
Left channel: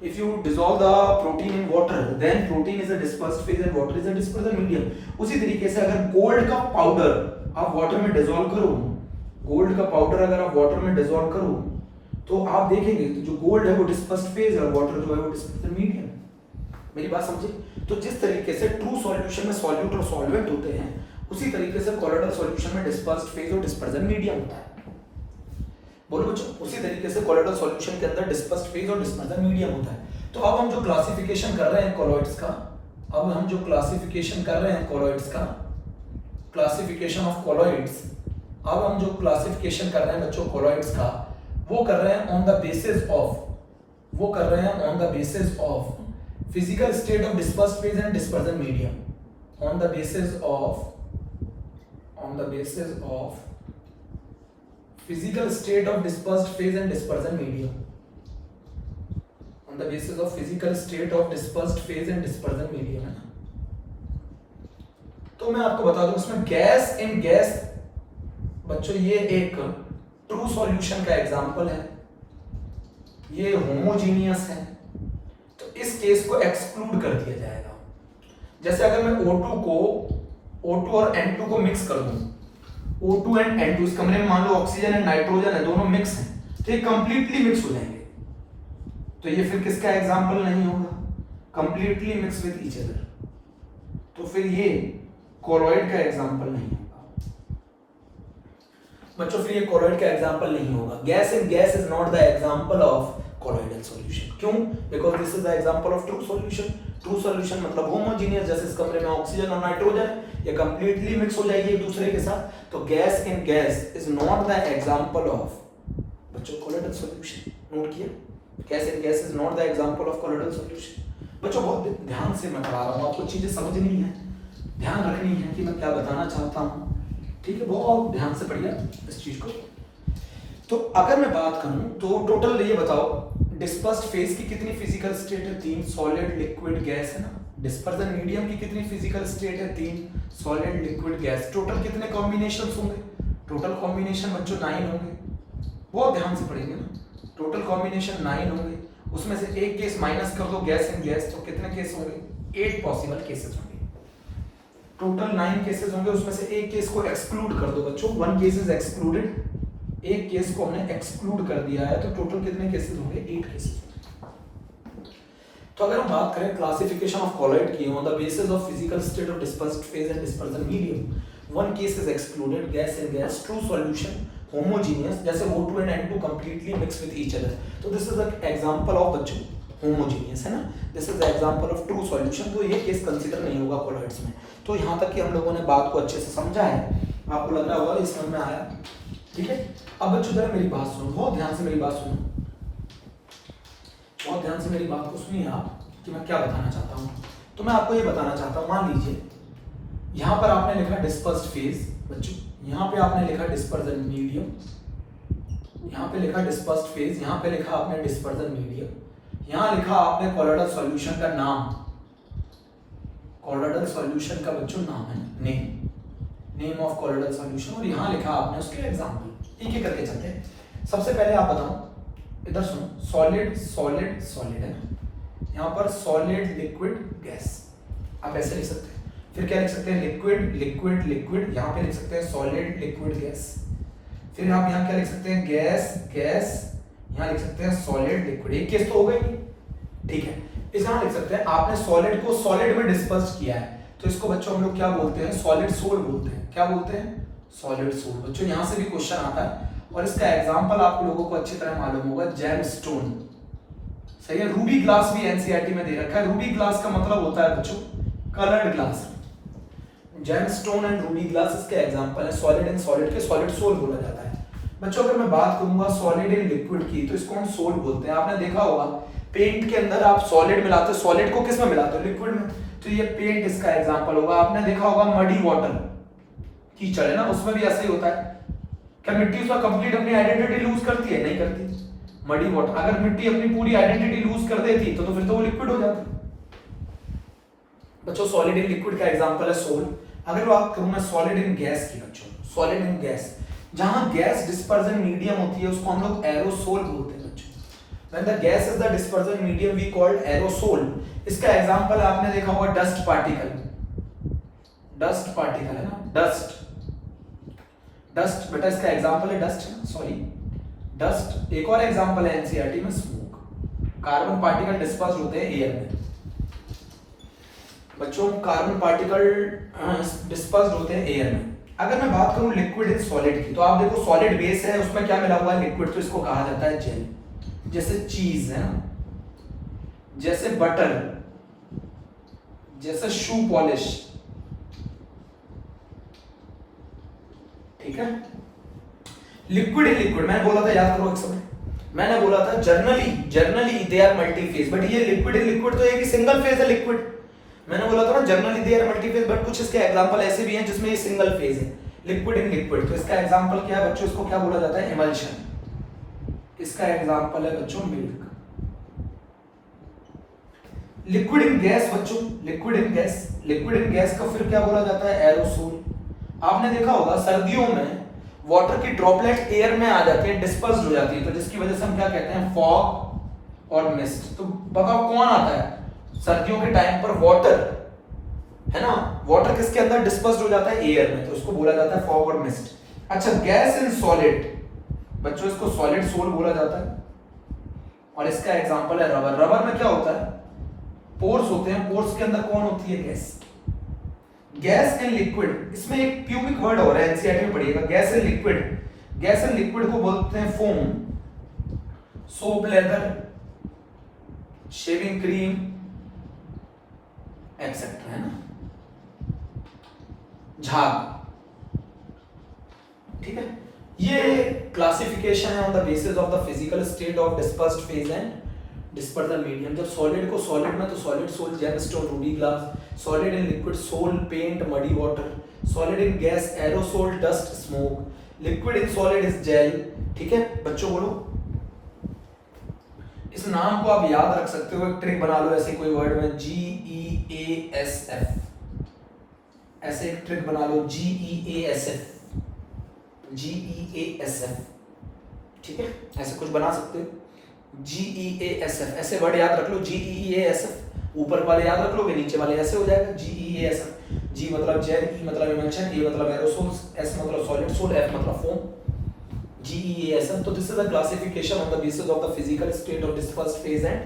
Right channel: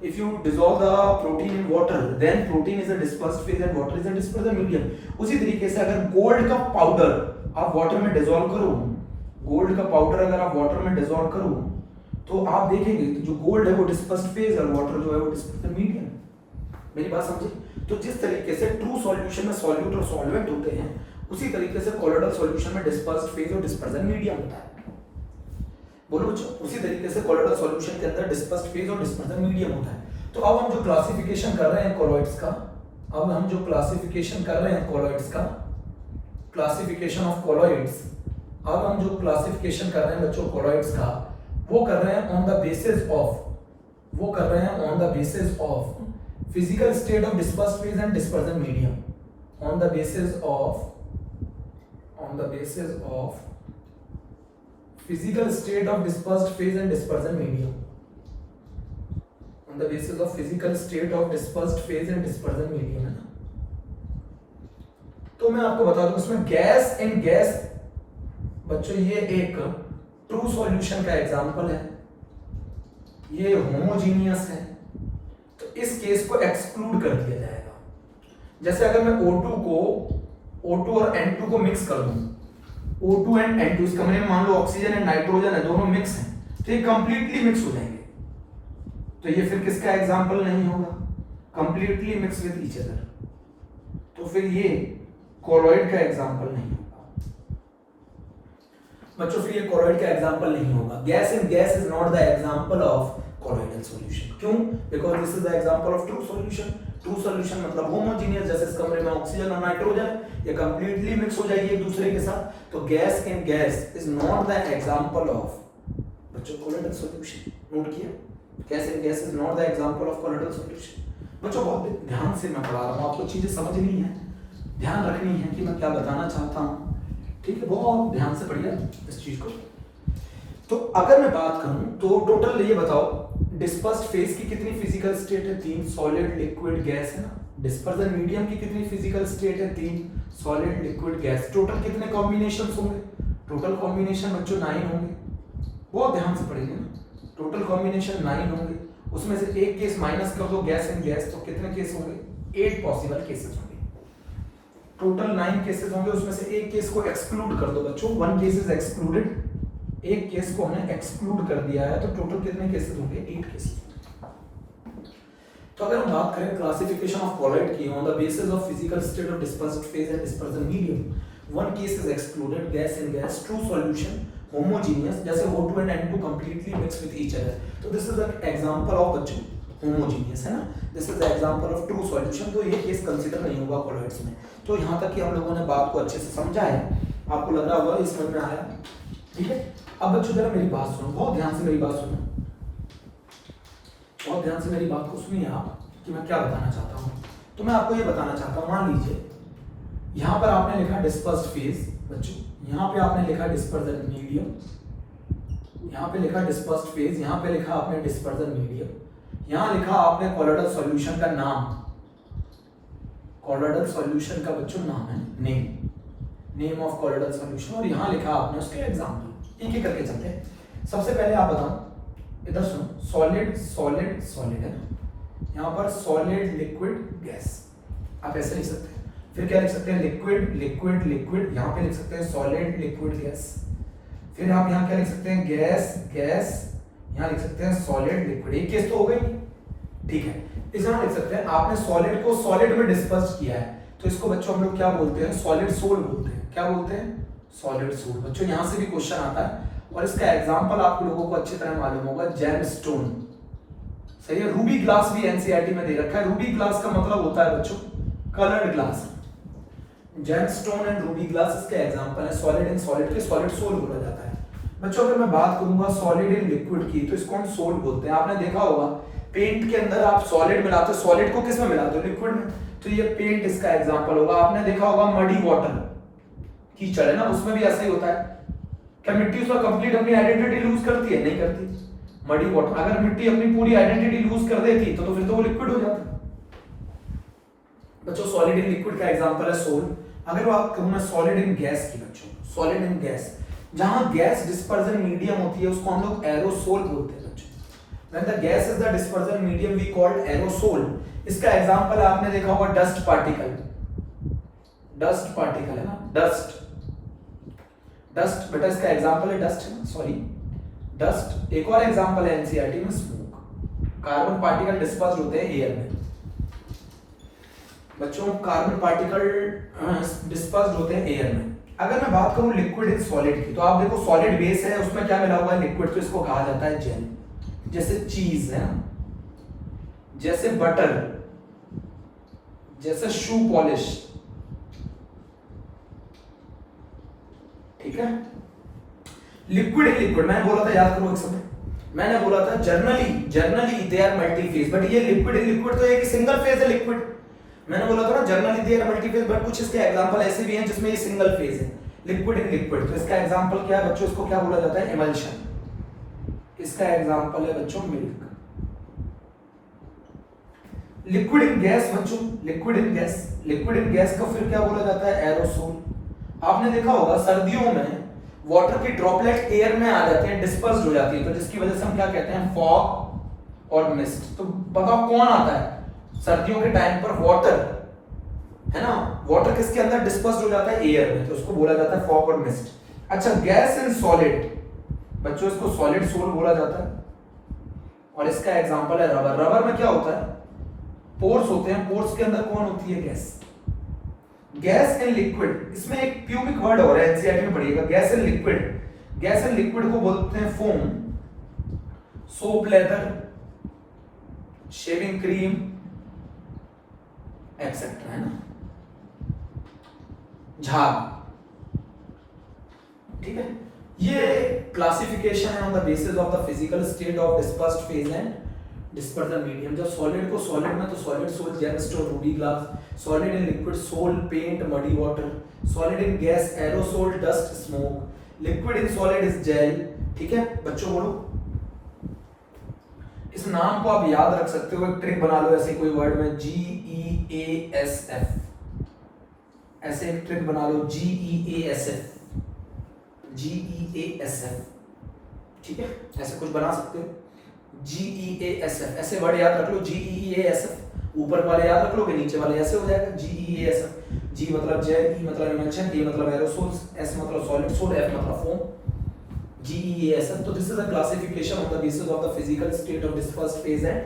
If you dissolve the protein in water, then protein is a dispersed phase and water is a dispersion medium. उसी तरीके से अगर गोल्ड का पाउडर आप वाटर में डिसॉल्व करो, गोल्ड का पाउडर अगर आप वाटर में डिसॉल्व करो, तो आप देखेंगे तो जो गोल्ड है वो डिस्पर्स्ड फेज है और वाटर जो है वो डिस्पर्जन मीडियम है। मेरी बात समझे? तो जिस तरीके से ट्रू सॉल्यूशन में सॉल्यूट और सॉल्वेंट होते हैं, उसी तरीके से कोलोइडल सॉल्यूशन में डिस्पर्स्ड फेज और डिस्पर्जन मीडियम होता है। बोलो बच्चों, उसी तरीके से कोलोइडल सॉल्यूशन के अंदर डिस्पर्स्ड फेज और डिस्पर्जन मीडियम होता है। तो अब हम जो क्लासिफिकेशन कर रहे हैं कोलोइड्स का, क्लासिफिकेशन ऑफ कोलोइड्स, अब हम जो क्लासिफिकेशन कर रहे हैं बच्चों कोलोइड्स का, वो कर रहे हैं on the basis of physical state of dispersed phase and dispersion medium, on the basis of physical state of dispersed phase and dispersion medium, on the basis of physical state of dispersed phase and dispersion medium है ना। तो मैं आपको बता दूं इसमें gas in gas बच्चों, ये एक ट्रू सॉल्यूशन का एग्जांपल है, ये होमोजीनियस है, तो इस केस को एक्सक्लूड कर दिया जाएगा। जैसे अगर मैं O2 और N2 को मिक्स कर दूं, O2 एंड N2, इस कमरे में मान लो ऑक्सीजन एंड नाइट्रोजन है, दोनों मिक्स हैं, तो ये कंप्लीटली मिक्स हो जाएंगे, तो ये फिर किसका एग्जांपल नहीं होगा? Completely mix with each other, तो फिर ये कोलोइड का एग्जांपल नहीं होगा बच्चों, फिर ये कोलोइड का एग्जांपल नहीं होगा। Gas in gas is not the example of colloidal solution. क्यों? Because this is the example of true solution. True solution मतलब होमोजीनियस, जैसे इस कमरे में ऑक्सीजन और नाइट्रोजन, ये कंप्लीटली मिक्स हो जाएगी एक दूसरे के साथ, तो gas in gas is not the example of बच्चों कोलोइडल सॉल्यूशन। नोट किया? Gas in gas is not the example of colloidal solution. बच्चों बहुत ध्यान से मैं पढ़ा रहा हूं, आपको चीजें समझनी है, ध्यान रखनी है कि मैं क्या बताना चाहता हूं, ठीक है? बहुत ध्यान से पढ़िए इस चीज को। तो अगर मैं बात करूं तो टोटल ये बताओ, डिस्पर्स्ड फेज की कितनी फिजिकल स्टेट है? 3, सॉलिड लिक्विड गैस है ना। डिस्पर्जन मीडियम की कितनी फिजिकल स्टेट है? 3, सॉलिड लिक्विड गैस। टोटल कितने कॉम्बिनेशंस होंगे? टोटल कॉम्बिनेशन बच्चों 9 होंगे, बहुत ध्यान से पढ़ेंगे ना। टोटल कॉम्बिनेशन 9 होंगे, उसमें से एक केस माइनस कर दो गैस इन गैस, तो कितने केस होंगे? 8 पॉसिबल केसेस होंगे। टोटल 9 केसेस होंगे, उसमें से एक केस को एक्सक्लूड कर दो बच्चों, 1 केस इज एक्सक्लूडेड, एक केस को हमने एक्सक्लूड कर दिया है, तो टोटल कितने केसेस होंगे? 8 केसेस। तो अगर हम बात करें क्लासिफिकेशन ऑफ कोलोइड की on the basis of physical state of dispersed phase and dispersion medium, 1 case is excluded, gas in gas, true solution, homogeneous, जैसे O2 and N2 completely mix with each other, तो this is the example of बच्चों homogeneous है ना, this is the example of true solution. तो ये case consider नहीं होगा colloids में। तो यहाँ तक कि हम लोगों ने बात को अच्छे से समझा है, आपको लग रहा होगा ये समझ में आया, ठीक है? अब बच्चों जरा मेरी बात सुनो, बहुत ध्यान से मेरी बात सुनो, बहुत ध्यान से मेरी बात को सुनिए आप कि मैं क्या बताना चाहता हूँ। तो मैं आपको ये बताना चाहता हूँ, मान लीजिए यहाँ पर आपने लिखा डिस्पर्स्ड फेज बच्चों, यहाँ पे आपने लिखा डिस्पर्जन मीडियम, यहाँ पे लिखा डिस्पर्स्ड फेज, यहाँ पे लिखा आपने डिस्पर्जन मीडियम, यहाँ लिखा आपने कोलोइडल सॉल्यूशन का नाम, कोलोइडल सॉल्यूशन का बच्चों नाम है नेम ऑफ कोलोइडल सॉल्यूशन, और यहाँ लिखा आपने उसके एग्जांपल। एक एक करके चलते हैं। सबसे पहले आप बताओ, इधर सुनो, सॉलिड सॉलिड सॉलिड है, यहाँ पर सॉलिड लिक्विड गैस, आप ऐसे लिख सकते हैं। फिर क्या लिख सकते हैं? लिक्विड लिक्विड लिक्विड, यहाँ पे लिख सकते हैं सॉलिड लिक्विड गैस। फिर आप यहाँ क्या लिख सकते हैं? गैस गैस, यहाँ लिख सकते हैं सॉलिड लिक्विड। एक केस तो हो गई, ठीक है? इस यहाँ लिख सकते हैं आपने सॉलिड को सॉलिड में डिस्पर्स किया है, तो इसको बच्चों हम लोग क्या बोलते हैं? सॉलिड सोल बोलते हैं। क्या बोलते हैं? Solid sol. बच्चों यहाँ से भी क्वेश्चन आता है, और इसका एग्जाम्पल आप लोगों को अच्छी तरह मालूम होगा, जेमस्टोन, सही है? रूबी ग्लास भी एनसीईआरटी में दे रखा है। रूबी ग्लास का मतलब होता है बच्चों coloured glass. Gemstone and Ruby glass इसके एग्जांपल है। सॉलिड एंड सॉलिड के सॉलिड सोल बोला जाता है। बच्चों अगर मैं बात करूंगा सॉलिड एंड लिक्विड की, तो इसको हम सोल बोलते हैं। आपने देखा होगा पेंट के अंदर आप सॉलिड मिलाते हो, सॉलिड को किस में मिलाते हो? लिक्विड में। तो ये पेंट इसका एग्जांपल होगा। आपने देखा होगा मडी वाटर, कीचड़ है ना, उसमें भी ऐसा ही होता है। क्या मिट्टी उसका कंप्लीट अपनी आइडेंटिटी लूज करती है? नहीं करती। मडी वाटर, अगर मिट्टी अपनी पूरी आइडेंटिटी लूज कर देती तो फिर तो वो लिक्विड हो जाता। बच्चों सॉलिड इन लिक्विड का एग्जांपल है सोल। अगर बात करूं मैं सॉलिड इन गैस की, बच्चों सॉलिड इन गैस, जहां गैस डिस्पर्जन मीडियम होती है उसको हम लोग एरोसोल बोलते हैं बच्चों। When the gas is the dispersion medium we called aerosol। इसका एग्जांपल आपने देखा होगा डस्ट पार्टिकल, डस्ट पार्टिकल है ना, डस्ट, डस्ट बेटा इसका एग्जांपल है डस्ट है ना, सॉरी डस्ट। एक और एग्जांपल है एनसीईआरटी में स्मोक। कार्बन पार्टिकल डिस्पर्स होते हैं एयर में बच्चों, कार्बन पार्टिकल डिस्पर्स होते हैं एयर में। अगर मैं बात करूं लिक्विड इन सॉलिड की, तो आप देखो सॉलिड बेस है, उसमें क्या मिला हुआ है? लिक्विड। तो इसको कहा जाता है जेल। जैसे चीज है ना, जैसे बटर, जैसे शू पॉलिश, ठीक है। लिक्विड इन लिक्विड मैंने बोला था, याद करो एक समय मैंने बोला था generally they are multi phase, but ये लिक्विड इन लिक्विड तो एक सिंगल फेज है लिक्विड। मैंने बोला था ना generally they are multi phase, but कुछ इसके एग्जांपल ऐसे भी हैं जिसमें ये सिंगल फेज है, लिक्विड इन लिक्विड। तो इसका एग्जांपल क्या है बच्चों? इसको क्या बोला जाता है? एमल्शन। इसका एग्जांपल है बच्चों मिल्क। लिक्विड इन गैस बच्चों, लिक्विड इन गैस का फिर क्या बोला जाता है? एरोसोल। आपने देखा होगा सर्दियों में वाटर की ड्रॉपलेट एयर में आ जाती है, डिस्पर्स हो जाती है, तो जिसकी वजह से हम क्या कहते हैं? फॉग और मिस्ट। तो बताओ कौन आता है सर्दियों के टाइम पर? वाटर है ना, वाटर किसके अंदर डिस्पर्स हो जाता है? एयर में, तो उसको बोला जाता है फॉग और मिस्ट। अच्छा गैस इन सॉलिड बच्चों, इसको सॉलिड सोल बोला जाता है। और इसका एग्जांपल है रबर। रबर में क्या होता है? पोर्स होते हैं, पोर्स के अंदर कौन होती है? गैस। गैस एंड लिक्विड, इसमें एक प्यूबिक वर्ड हो रहा है, एनसीईआरटी में पढ़िएगा। Gas and liquid, gas and liquid को बोलते हैं foam, soap, lather, shaving cream etcetera, है ना, झाग, ठीक है। ये क्लासिफिकेशन है on the basis of the physical state of dispersed phase and dispersion medium. जब सॉलिड को सॉलिड में, तो solid sol, gem stone, ruby glass. Solid in liquid sol, paint, muddy water. Solid in gas aerosol, dust, smoke. Liquid in solid is jail, ठीक है। बच्चों बोलो, इस नाम को आप याद रख सकते हो, एक ट्रिक बना लो ऐसे कोई वर्ड में, GEASF, ऐसे एक ट्रिक बना लो, GEASF, ठीक है, ऐसे कुछ बना सकते हो। GEASF, ऐसे वर्ड याद रख लो, GEASF। ऊपर वाले याद रख लोगे, नीचे वाले ऐसे हो जाएगा, GEASF। G मतलब जेल, E मतलब इमल्शन, A मतलब एरोसोल, S मतलब सॉलिड सोल, F मतलब फोम। GEASF। तो this is the classification on the basis of the physical state of dispersed phase and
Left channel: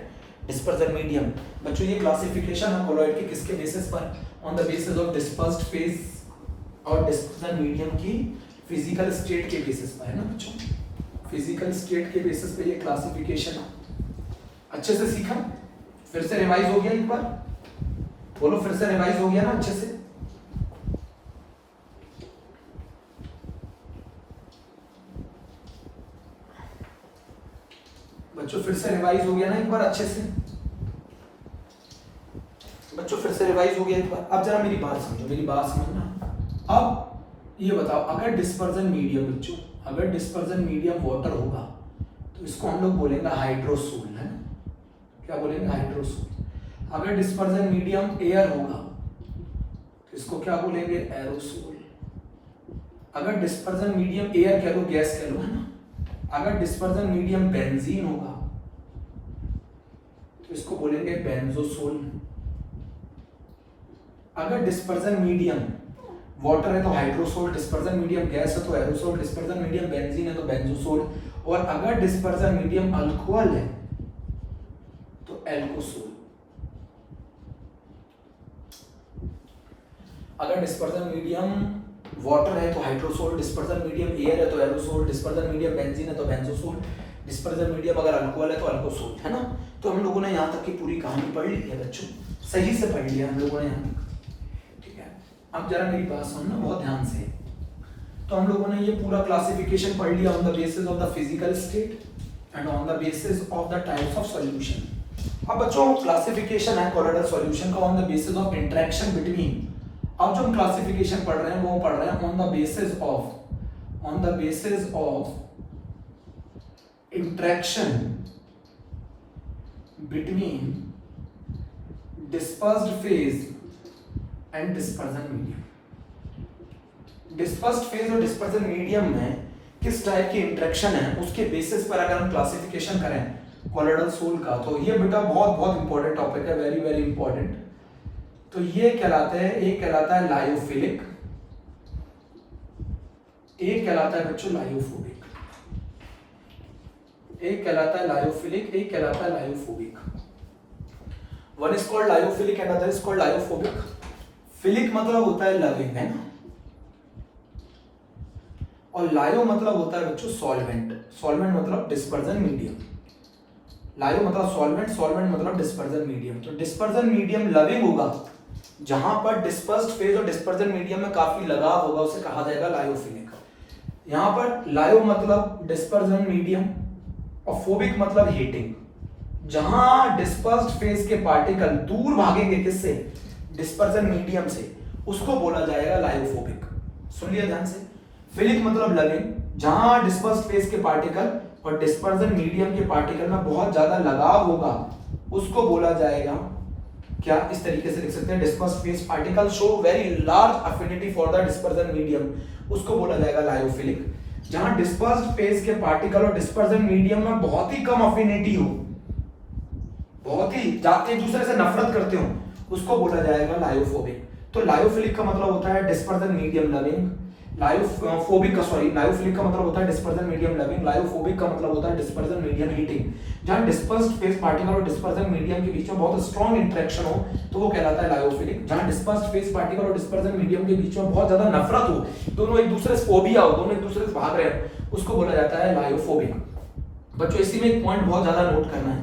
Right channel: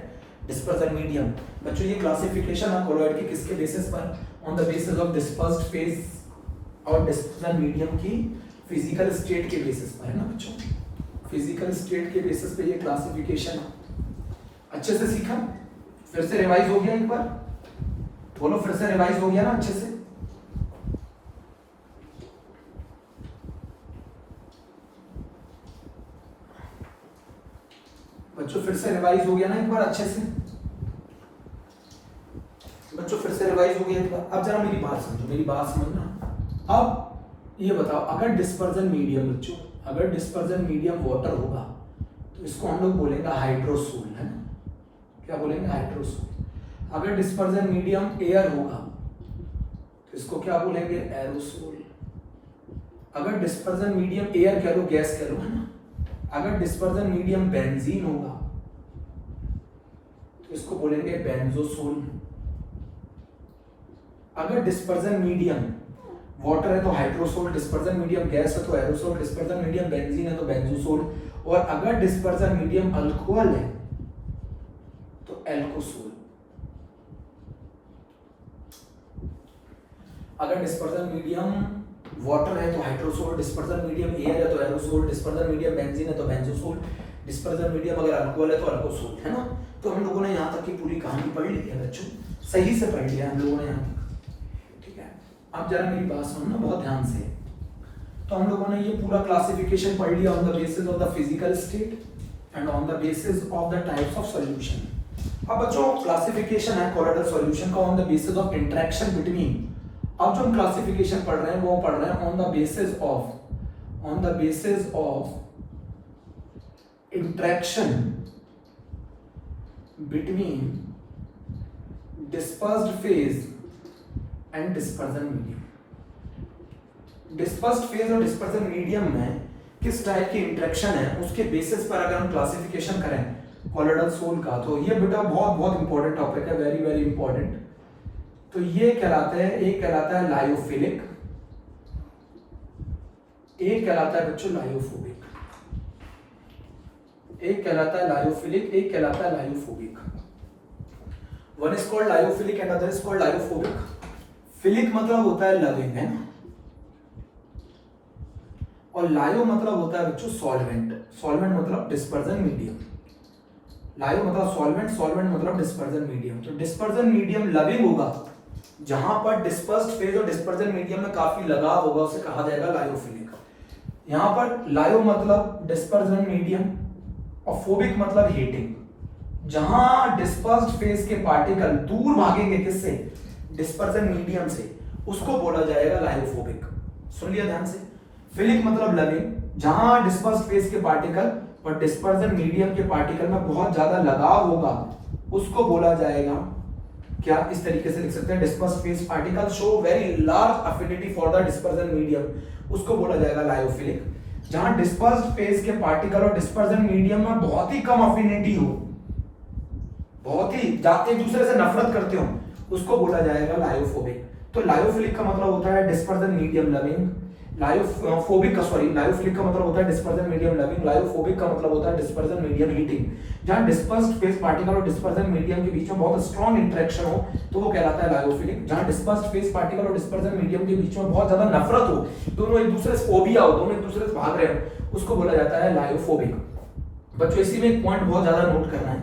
dispersion medium. बच्चों ये क्लासिफिकेशन है colloid की किसके बेसिस पर? On the basis of dispersed phase और dispersion medium की फिजिकल स्टेट के बेसिस पर, है ना बच्चों, फिजिकल स्टेट के बेसिस पे ये क्लासिफिकेशन अच्छे से सीखा? फिर से रिवाइज हो गया एक बार? बोलो फिर से रिवाइज हो गया ना अच्छे से? बच्चों फिर से रिवाइज हो गया ना एक बार अच्छे से? बच्चों फिर से रिवाइज हो गया एक बार? अब जरा मेरी बात समझो, मेरी बात समझना। अब ये बताओ, अगर डिस्पर्जन मीडियम बच्चों, अगर डिस्पर्जन मीडियम वाटर होगा तो इसको हम लोग बोलेंगे हाइड्रोसोल, है ना, क्या बोलेंगे? हाइड्रोसोल। अगर डिस्पर्जन मीडियम एयर होगा तो इसको क्या बोलेंगे? एरोसोल। अगर डिस्पर्जन मीडियम एयर कह लो, गैस कह लो, है ना, अगर डिस्पर्जन मीडियम बेंजीन होगा तो इसको बोलेंगे बेंजोसोल। अगर डिस्पर्जन मीडियम वाटर है तो हाइड्रोसोल, डिस्पर्जन मीडियम गैस है तो एरोसोल, डिस्पर्जन मीडियम बेंजीन है तो बेंजोसोल, और अगर डिस्पर्जन मीडियम अल्कोहल है तो एल्कोसोल। अगर डिस्पर्जन मीडियम वाटर है तो हाइड्रोसोल, डिस्पर्जन मीडियम एयर है तो एरोसोल, डिस्पर्जन मीडियम बेंजीन है तो बेंजोसोल, डिस्पर्जन मीडियम अगर अल्कोहल है तो अल्कोसोल, है ना। तो हम लोगों ने यहाँ तक की पूरी कहानी पढ़ ली है बच्चों, सही से पढ़ लिया हम लोगों ने यहाँ तक, ठीक है। अब जरा मेरी बात सुनना बहुत ध्यान से। तो हम लोगों ने ये पूरा क्लासिफिकेशन पढ़ लिया on the basis of the physical state and on the basis of the types of solution. अब बच्चों क्लासिफिकेशन है कोलोइडल सॉल्यूशन का on the basis of interaction between. अब जो हम क्लासिफिकेशन पढ़ रहे हैं वो पढ़ रहे हैं on the basis of interaction between dispersed phase and dispersion medium. Dispersed phase और डिस्पर्जन मीडियम में किस टाइप की इंटरेक्शन है उसके बेसिस पर अगर हम क्लासिफिकेशन करें कोलोइडल सोल का, तो ये बेटा बहुत बहुत इंपॉर्टेंट टॉपिक है, वेरी वेरी इंपॉर्टेंट। तो ये कहलाता है, एक कहलाता है लायोफिलिक, एक कहलाता है बच्चों लायोफोबिक। एक कहलाता है लायोफिलिक, एक कहलाता है lyophobic. One is called lyophilic and other is called lyophobic. Philic मतलब होता है लविंग, है ना, और लायो मतलब होता है बच्चों सॉल्वेंट। सॉल्वेंट मतलब डिस्पर्जन मीडियम। लायो मतलब सॉल्वेंट, सॉल्वेंट मतलब डिस्पर्जन मीडियम। तो डिस्पर्जन मीडियम लविंग होगा, जहां पर डिस्पर्स्ड फेज और डिस्पर्जन मीडियम में काफी लगाव होगा, उसे कहा जाएगा लायोफिलिक। यहां पर लायो मतलब डिस्पर्जन मीडियम और फोबिक मतलब हीटिंग। जहां डिस्पर्स्ड फेज के पार्टिकल दूर भागेंगे किससे, डिस्पर्जन मीडियम से, उसको बोला जाएगा लायोफोबिक। सुन लिया ध्यान से। फिलिक मतलब लविंग, जहां डिस्पर्स्ड फेज के पार्टिकल और डिस्पर्जन मीडियम के पार्टिकल में बहुत ज्यादा लगाव होगा, उसको बोला जाएगा क्या, इस तरीके से लिख सकते हैं, dispersed phase particle show very large affinity for the dispersion medium, उसको बोला जाएगा लायोफिलिक। जहां डिस्पर्स्ड फेज के पार्टिकल और डिस्पर्जन मीडियम में बहुत ही कम अफिनिटी हो, बहुत ही जाते एक दूसरे से नफरत करते हो, उसको बोला जाएगा लायोफोबिक। तो लायोफिलिक का मतलब होता है डिस्पर्जन मीडियम लविंग, लायोफोबिक का लायोफिलिक का मतलब होता है डिस्पर्जन मीडियम लविंग, लायोफोबिक का मतलब होता है डिस्पर्जन मीडियम हीटिंग। जहां डिस्पर्स्ड फेज पार्टिकल और डिस्पर्जन मीडियम के बीच में बहुत स्ट्रॉन्ग इंटरेक्शन हो तो वो कहलाता है लायोफिलिक। जहां डिस्पर्स्ड फेज पार्टिकल और डिस्पर्जन मीडियम के बीच में बहुत ज्यादा नफरत हो, दोनों एक दूसरे से फोबिया हो, दोनों एक दूसरे से भाग रहे हो, उसको बोला जाता है लायोफोबिक। बच्चों इसी में एक पॉइंट बहुत ज्यादा नोट करना है,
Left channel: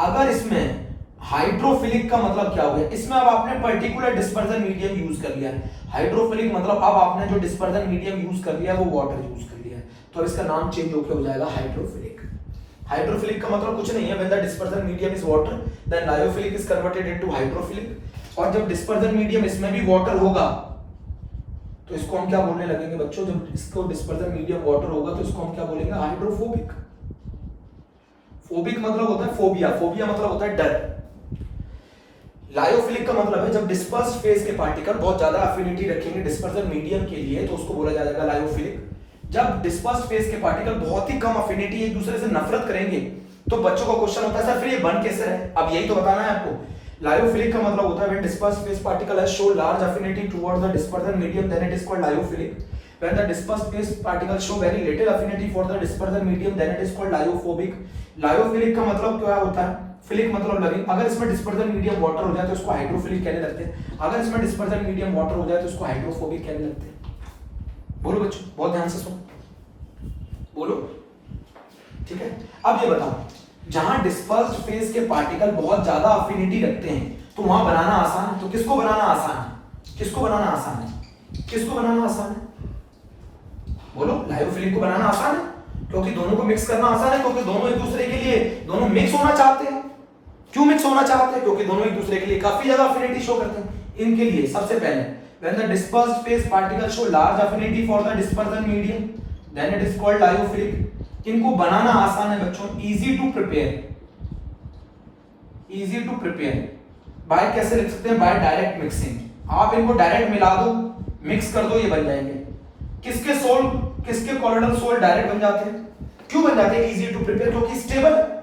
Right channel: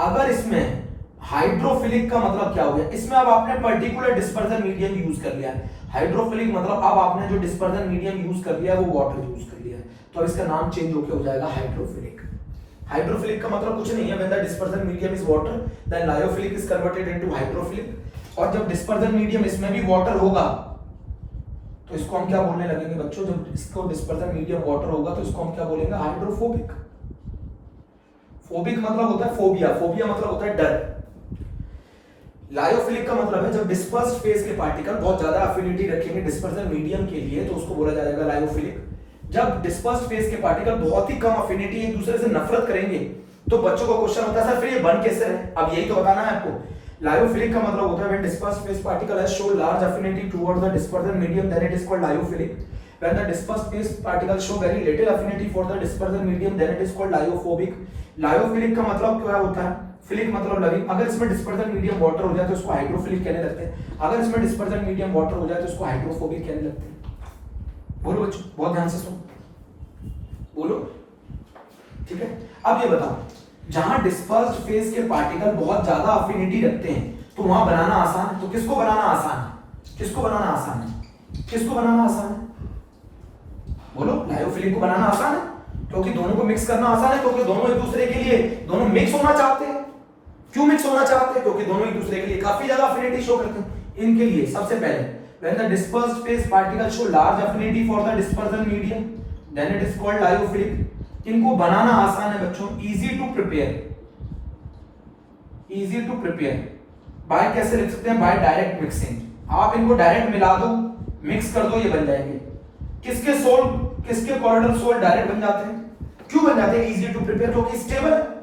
अगर इसमें हाइड्रोफिलिक का मतलब क्या हो गया, इसमें अब आपने पर्टिकुलर डिस्पर्जन मीडियम यूज कर लिया है। हाइड्रोफिलिक मतलब अब आपने जो डिस्पर्जन मीडियम यूज कर लिया है वो वाटर यूज कर लिया है, तो अब इसका नाम चेंज होकर हो जाएगा हाइड्रोफिलिक। हाइड्रोफिलिक का मतलब कुछ नहीं है, when the dispersion medium is water then lyophilic is converted into hydrophilic. और जब डिस्पर्जन मीडियम इसमें भी वाटर होगा तो इसको हम क्या बोलने लगेंगे बच्चों, जब इसको डिस्पर्जन मीडियम वाटर होगा तो इसको हम क्या बोलेंगे, हाइड्रोफोबिक। फोबिक मतलब होता है फोबिया, फोबिया मतलब होता है डर। लायोफिलिक का मतलब है जब डिस्पर्स्ड फेज के पार्टिकल बहुत ज्यादा अफिनिटी रखेंगे डिस्पर्जन मीडियम के लिए तो उसको बोला जाएगा लायोफिलिक। जब डिस्पर्स्ड फेज के पार्टिकल बहुत ही कम अफिनिटी एक दूसरे से नफरत करेंगे तो बच्चों का क्वेश्चन होता है सर फिर ये बन कैसे रहे, अब यही तो बताना है आपको। लायोफिलिक का मतलब होता है when dispersed phase particle has show large affinity towards the dispersion medium then it is called lyophilic. When the dispersed phase particles show very little affinity for the dispersion medium, then it is called lyophobic. Lyophilic का मतलब क्या होता है, philic मतलब loving. अगर इसमें dispersion medium water हो जाए तो इसको हाइड्रोफिलिक कहने लगते हैं, अगर इसमें डिस्पर्जन मीडियम वाटर हो जाए तो इसको हाइड्रोफोबिक कहने लगते हैं। बोलो बच्चों, बहुत ध्यान से सुनो, बोलो, ठीक है। अब ये बताओ, जहां डिस्पर्स्ड फेज के पार्टिकल बहुत ज्यादा अफिनिटी रखते हैं तो वहां बनाना आसान है, तो किसको बनाना आसान है, किसको बनाना आसान है, किसको बनाना आसान है, बोलो। लायोफिलिक को बनाना आसान है क्योंकि दोनों को मिक्स करना आसान है, क्योंकि दोनों एक दूसरे के लिए दोनों मिक्स होना चाहते हैं। क्यों मिक्स होना चाहते हैं, क्योंकि दोनों एक दूसरे के लिए काफी ज्यादा अफिनिटी शो करते हैं। इनके लिए सबसे पहले when the dispersed phase particle show large affinity for the dispersion medium then it is called lyophilic. इनको बनाना आसान है बच्चों, easy to prepare, easy to prepare by, कैसे लिख सकते हैं, बाय डायरेक्ट मिक्सिंग। आप इनको डायरेक्ट मिला दो, मिक्स कर दो, ये बन जाएंगे। किसके सोल, किसके कोलोइडल सोल डायरेक्ट बन जाते हैं, क्यों बन जाते हैं, इजी टू प्रिपेयर, क्योंकि स्टेबल है।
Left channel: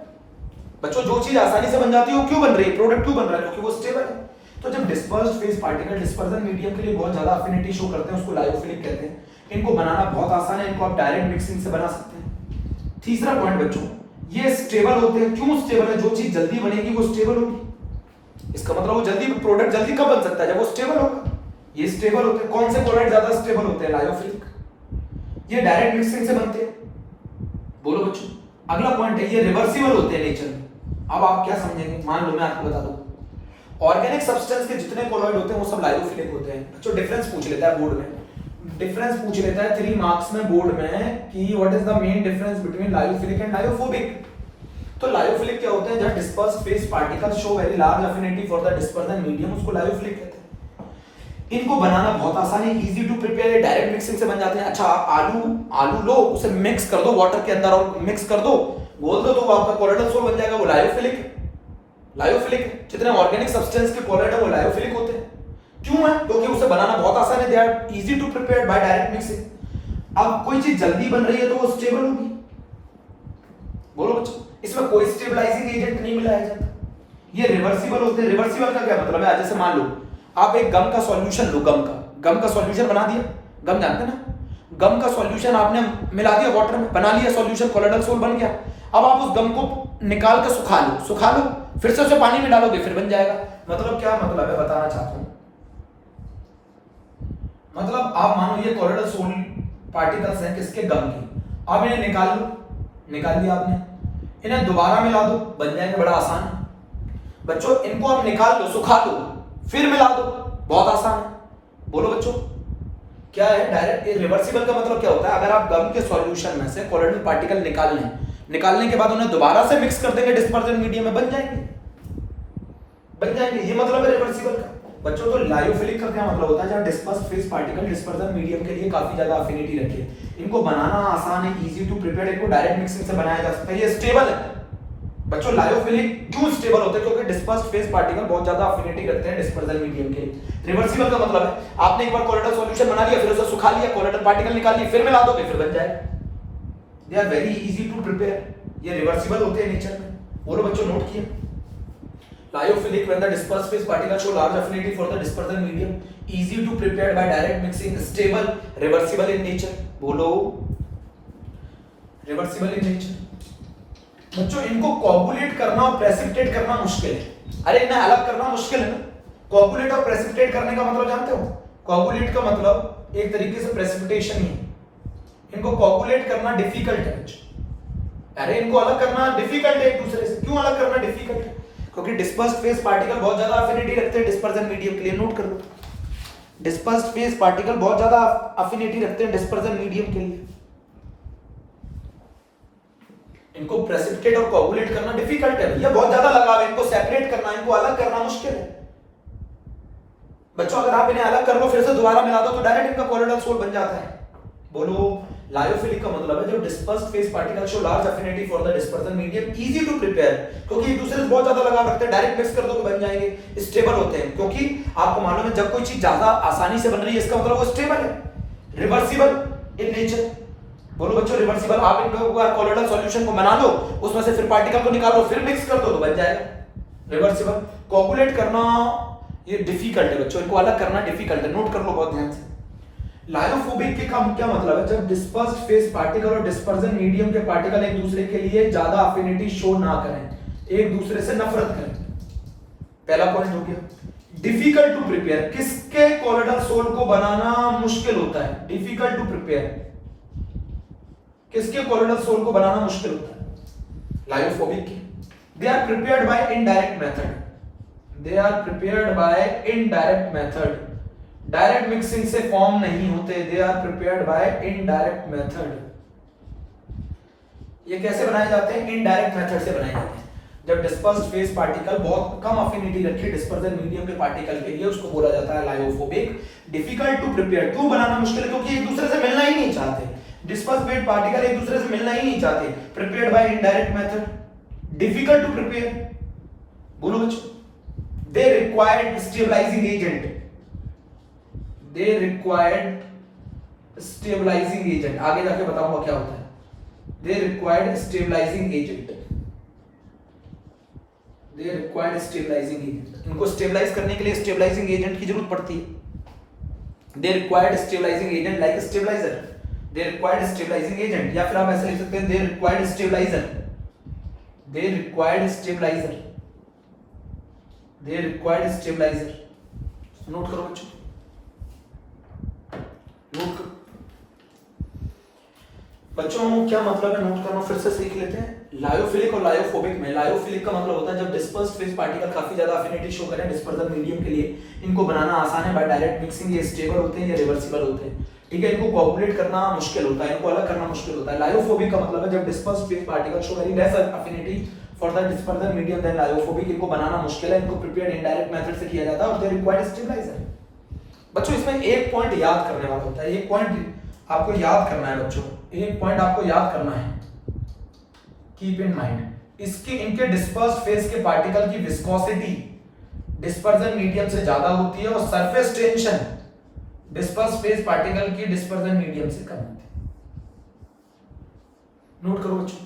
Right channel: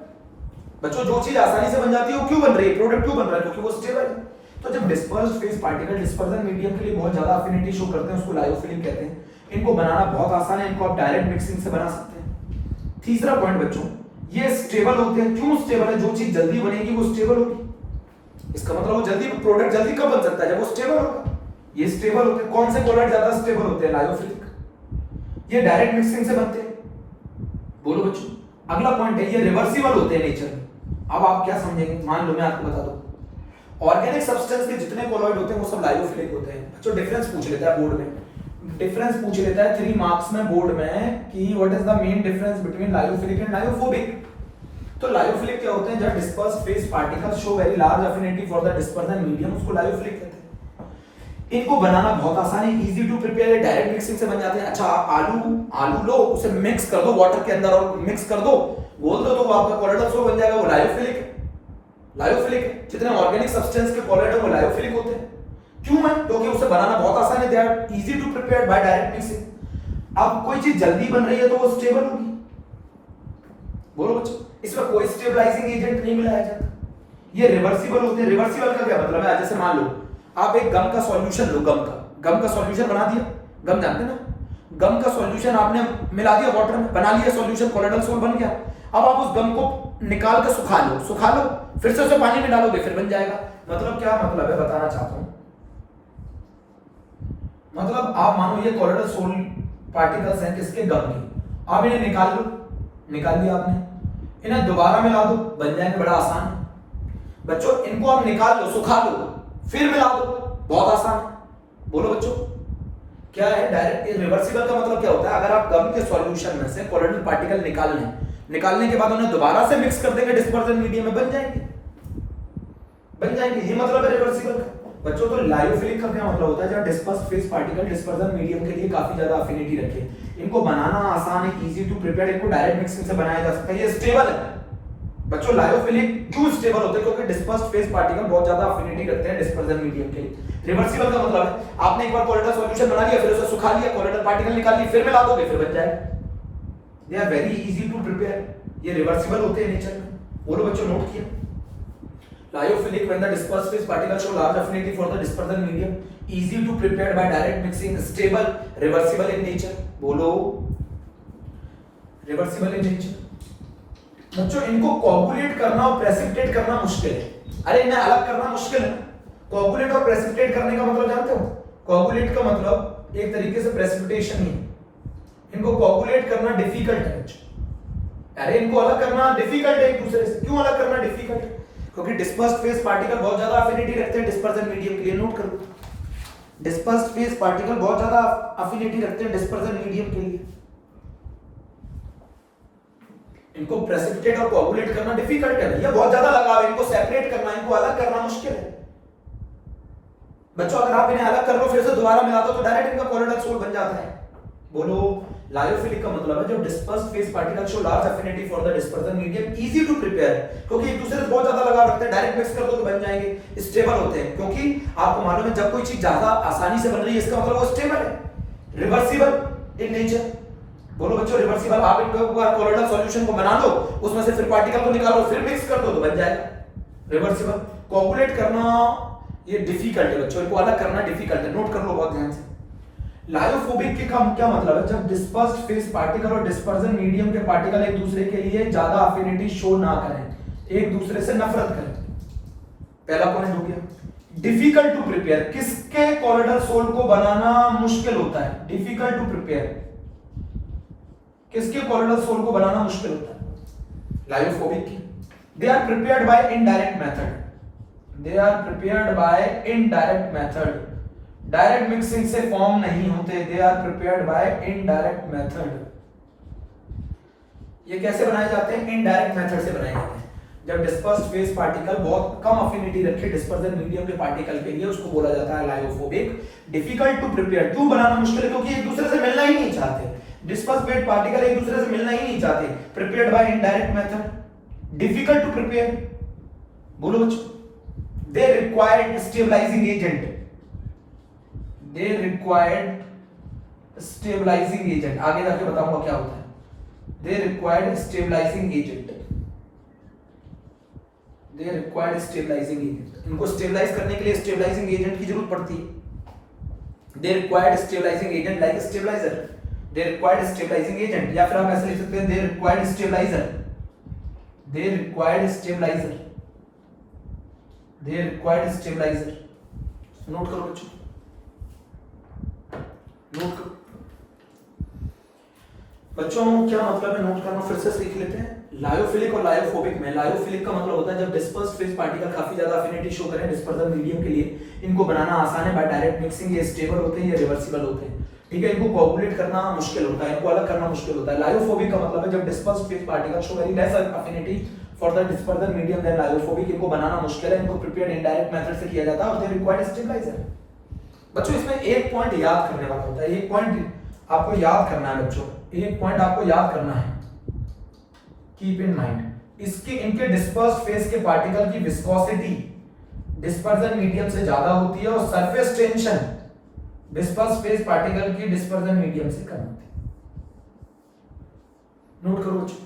बच्चों जो चीज आसानी से बन जाती है वो क्यों बन रही है, प्रोडक्ट क्यों बन रहा है, क्योंकि वो स्टेबल है। तो जब dispersed phase particle dispersion medium के लिए बहुत ज्यादा अफिनिटी शो करते हैं उसको लायोफिलिक कहते हैं। इनको बनाना बहुत आसान है, इनको आप डायरेक्ट मिक्सिंग से बना सकते हैं। तीसरा पॉइंट बच्चों, ये स्टेबल होते हैं। क्यों स्टेबल है, जो चीज जल्दी बनेगी वो स्टेबल होगी, इसका मतलब वो जल्दी, प्रोडक्ट जल्दी कब बन सकता है, जब वो स्टेबल होगा। ये स्टेबल होते हैं। कौन से कोलोइड ज्यादा स्टेबल होते हैं, लायोफिलिक। ये डायरेक्ट मिक्सिंग से बनते हैं। बोलो बच्चों। अगला पॉइंट है, ये रिवर्सिबल होते हैं नेचर में। अब आप क्या समझेंगे, मान लो मैं आपको बता दूं, ऑर्गेनिक सब्सटेंस के जितने कोलोइड होते हैं वो सब लायोफिलिक होते हैं। बच्चों डिफरेंस पूछ लेता है बोर्ड में, डिफरेंस पूछ लेता है 3 मार्क्स में बोर्ड में कि what is the main difference between lyophilic and lyophobic. तो लायोफिलिक क्या होते हैं? जब disperse phase particle show very large affinity for the dispersion medium, उसको लायोफिलिक कहते हैं। इनको बनाना बहुत आसान है, easy to prepare, direct mixing से बन जाते हैं। अच्छा, आलू लो, उसे मिक्स कर दो वाटर के अंदर और मिक्स कर दो, घोल दो, तो वो आपका कोलोइडल सोल बन जाएगा, वो लायोफिलिक है। लायोफिलिक है, जितने ऑर्गेनिक सब्सटेंस के कोलोइड है वो लायोफिलिक होते हैं। क्यों है? क्योंकि उसे बनाना बहुत आसान है, they are easy to prepare by direct mixing. अब कोई चीज जल्दी बन रही है तो वो स्टेबल होगी। बोलो बच्चों, इसमें कोई स्टेबलाइजिंग एजेंट नहीं मिलाया जाता, ये रिवर्सिबल होते हैं। रिवर्सिबल का क्या मतलब है? जैसे मान लो आप एक गम का सॉल्यूशन लो, गम का सॉल्यूशन बना दिया, गम जानते ना, गम का सॉल्यूशन आपने मिला दिया वाटर में, बना लिया सॉल्यूशन, कोलोइडल सोल बन गया। अब आप उस गम को निकाल कर सुखा लो, फिर से उसे पानी में डालोगे, फिर बन जाएगा। मतलब क्या मतलब है, बताना चाहता हूं। मतलब आप मानो ये कोलोइडल सोल पार्टिकल्स हैं किसके? गम के। आप इन्हें निकाल लिया आपने, इन्हें दोबारा मिला दो, बन जाएंगे, बड़ा आसान है बच्चों। इनको आप निकाल लो, सुखा लो, फिर मिला दो, बहुत आसान है। बोलो बच्चों, क्या है? डायरेक्ट रिवर्सिबल का मतलब क्या होता है? अगर आप गम के सॉल्यूशन में से कोलोइडल पार्टिकल निकालने के बाद उन्हें दोबारा से मिक्स कर देंगे डिस्पर्जन मीडियम में, बन जाएंगे। ये मतलब है रिवर्सिबल का। बच्चों, तो लायोफिलिक का क्या मतलब होता है? जहां disperse phase particle dispersion medium के लिए काफी ज्यादा अफिनिटी रखे, इनको बनाना आसान है, इजी टू प्रिपेयर, इनको डायरेक्ट मिक्सिंग से बनाया जा सकता है, ये स्टेबल है। बच्चों, लायोफिलिक क्यों स्टेबल होते हैं? क्योंकि डिस्पर्स फेस पार्टिकल बहुत ज्यादा अफिनिटी रखते हैं डिस्पर्जन मीडियम के लिए। रिवर्सिबल का मतलब है आपने एक बार कोलोइडल सॉल्यूशन बना लिया, फिर उसे सुखा लिया, कोलोइडल पार्टिकल निकाल लिए, फिर मिला दोगे, फिर बन जाएगा। They are very easy to prepare, ये रिवर्सिबल होते हैं नेचर में। बोलो बच्चों, नोट किया? Lyophilic when the dispersed phase particles show large affinity for the dispersion medium, easy to prepare by direct mixing, stable, reversible in nature. बोलो, reversible in nature. बच्चों, इनको कोगुलेट करना और प्रेसिपिटेट करना मुश्किल है। अरे इन्हें अलग करना मुश्किल है। कोगुलेट और प्रेसिपिटेट करने का मतलब जानते हो? कोगुलेट का मतलब एक तरीके से प्रेसिपिटेशन ही है। इनको कोगुलेट करना डिफिकल्ट है। अरे इनको अलग करना डिफिकल्ट है एक दूसरे से। क्यों अलग करना डिफिकल्ट है? क्योंकि डिस्पर्स्ड फेस पार्टिकल बहुत ज्यादा अफिनिटी रखते हैं डिस्पर्जन मीडियम के लिए। नोट कर लो, डिस्पर्स्ड फेस पार्टिकल बहुत ज्यादा अफिनिटी रखते हैं डिस्पर्जन मीडियम के लिए। इनको प्रेसिपिटेट और कोगुलेट करना डिफिकल्ट है, ये बहुत ज्यादा लगाव है। इनको सेपरेट करना, इनको अलग करना मुश्किल है। बच्चों, अगर आप इन्हें अलग कर लो, फिर से दोबारा मिला दो, तो डायरेक्ट इनका कोलोइडल सोल बन जाता है। बोलो, लायोफिलिक का मतलब है जब dispersed phase particle show large affinity for the dispersion medium, easy to prepare, क्योंकि एक दूसरे से बहुत ज्यादा लगाव रखते हैं, डायरेक्ट मिक्स कर दो तो बन जाएंगे। स्टेबल होते हैं, क्योंकि आपको मालूम है जब कोई चीज ज्यादा आसानी से बन रही है, इसका मतलब वो स्टेबल है, रिवर्सिबल इन नेचर। बोलो बच्चों, रिवर्सिबल। आप इनको कोलोइडल सॉल्यूशन को बना लो, उसमें से फिर पार्टिकल को निकालो, फिर मिक्स कर दो तो बन जाएगा रिवर्सिबल। कोगुलेट करना ये डिफिकल्ट है बच्चों, इनको अलग करना डिफिकल्ट है। नोट कर लो बहुत ध्यान से। लायोफोबिक के क्या मतलब है? जब डिस्पर्स्ड फेस पार्टिकल और डिस्पर्जन मीडियम के पार्टिकल एक दूसरे के लिए ज्यादा अफिनिटी शो ना करें, एक दूसरे से नफरत करें। पहला पॉइंट हो गया। डिफिकल्ट टू प्रिपेयर, किसके कोलोइडल सोल को बनाना मुश्किल होता है? डिफिकल्ट टू प्रिपेयर, किसके कोलोइडल सोल को बनाना मुश्किल होता है? लायोफोबिक की। They are prepared by indirect method, they are prepared by indirect method, direct mixing से फॉर्म नहीं होते। They are prepared by indirect method. ये कैसे बनाए जाते हैं? इनडायरेक्ट मेथड से बनाए जाते हैं। जब डिस्पर्स्ड फेस पार्टिकल बहुत कम अफिनिटी रखे डिस्पर्जन मीडियम के पार्टिकल के लिए, उसको बोला जाता है लायोफोबिक। डिफिकल्ट टू प्रिपेयर, क्यों बनाना मुश्किल है? क्योंकि एक दूसरे से मिलना ही नहीं चाहते। डिस्पर्स्ड फेस पार्टिकल एक दूसरे से मिलना ही नहीं चाहते। Prepared by indirect method, difficult to prepare. बोलो बच्चों, they required stabilising agent, they required stabilizing agent, आगे जाके बताऊंगा क्या होता है। they required stabilizing agent, they required stabilizing agent, इनको स्टेबलाइज करने के लिए स्टेबलाइजिंग एजेंट की जरूरत पड़ती है। they required stabilizing agent like stabilizer, they required stabilizing agent, या फिर हम ऐसे लिख सकते हैं they required stabilizer, they required stabilizer, they required stabilizer। Note करो बच्चों, नोट करो बच्चों, क्या मतलब है नोट करना, फिर से सीख लेते हैं। लायोफिलिक और लायोफोबिक में, लायोफिलिक का मतलब होता है जब डिस्पर्स्ड फेस पार्टिकल काफी ज्यादा अफिनिटी शो करें डिस्पर्जन मीडियम के लिए, इनको बनाना आसान है बाय डायरेक्ट मिक्सिंग। ये स्टेबल होते हैं, ये रिवर्सिबल होते हैं, ठीक है। इनको कोगुलेट करना मुश्किल होता है, इनको अलग करना मुश्किल होता है। लायोफोबिक का मतलब है जब dispersed phase particle show very less affinity for the dispersion medium then lyophobic, इनको बनाना मुश्किल है, इनको प्रिपेयर्ड इनडायरेक्ट मेथड से किया जाता है और दे रिक्वायर्ड स्टेबलाइजर। बच्चों इसमें एक पॉइंट याद करने वाला होता है, एक पॉइंट आपको याद करना है बच्चों, एक पॉइंट आपको याद करना है, कीप इन माइंड, इसकी इनके डिस्पर्स फेज के पार्टिकल की विस्कोसिटी डिस्पर्जन मीडियम से ज्यादा होती है और surface tension disperse phase particle की डिस्पर्जन मीडियम से कम होती है। नोट करो बच्चों,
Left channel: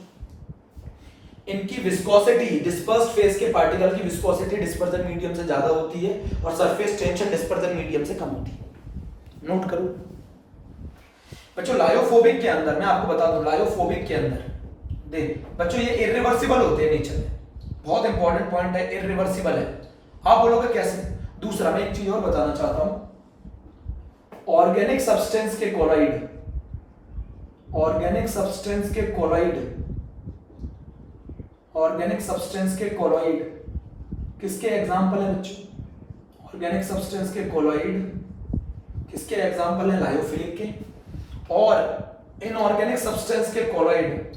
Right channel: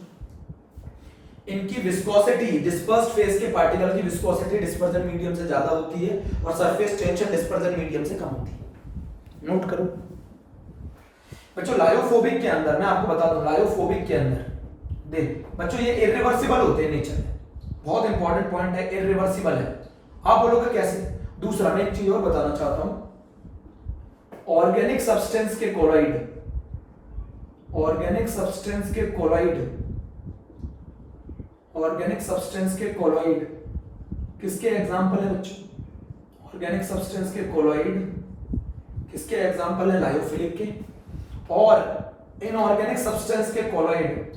इनकी विस्कोसिटी डिस्पर्स्ड फेज के पार्टिकल की विस्कोसिटी डिस्पर्जन मीडियम से ज्यादा होती है और सरफेस टेंशन डिस्पर्जन मीडियम से कम होती है। नोट करो बच्चों, लायोफोबिक के अंदर मैं आपको बता दूं, लायोफोबिक के अंदर देख बच्चों ये इरिवर्सिबल होते हैं नेचर में, बहुत इंपॉर्टेंट पॉइंट है, इरिवर्सिबल है। आप बोलोगे कैसे? दूसरा मैं एक चीज और बताना चाहता हूं, ऑर्गेनिक सब्सटेंस के कोलॉइड, ऑर्गेनिक सब्सटेंस के कोलॉइड, ऑर्गेनिक सब्सटेंस के कोलॉइड किसके एग्जांपल है बच्चों? ऑर्गेनिक सब्सटेंस के कोलॉइड किसके एग्जांपल है? लायोफिलिक के। और इनऑर्गेनिक सब्सटेंस के कोलॉइड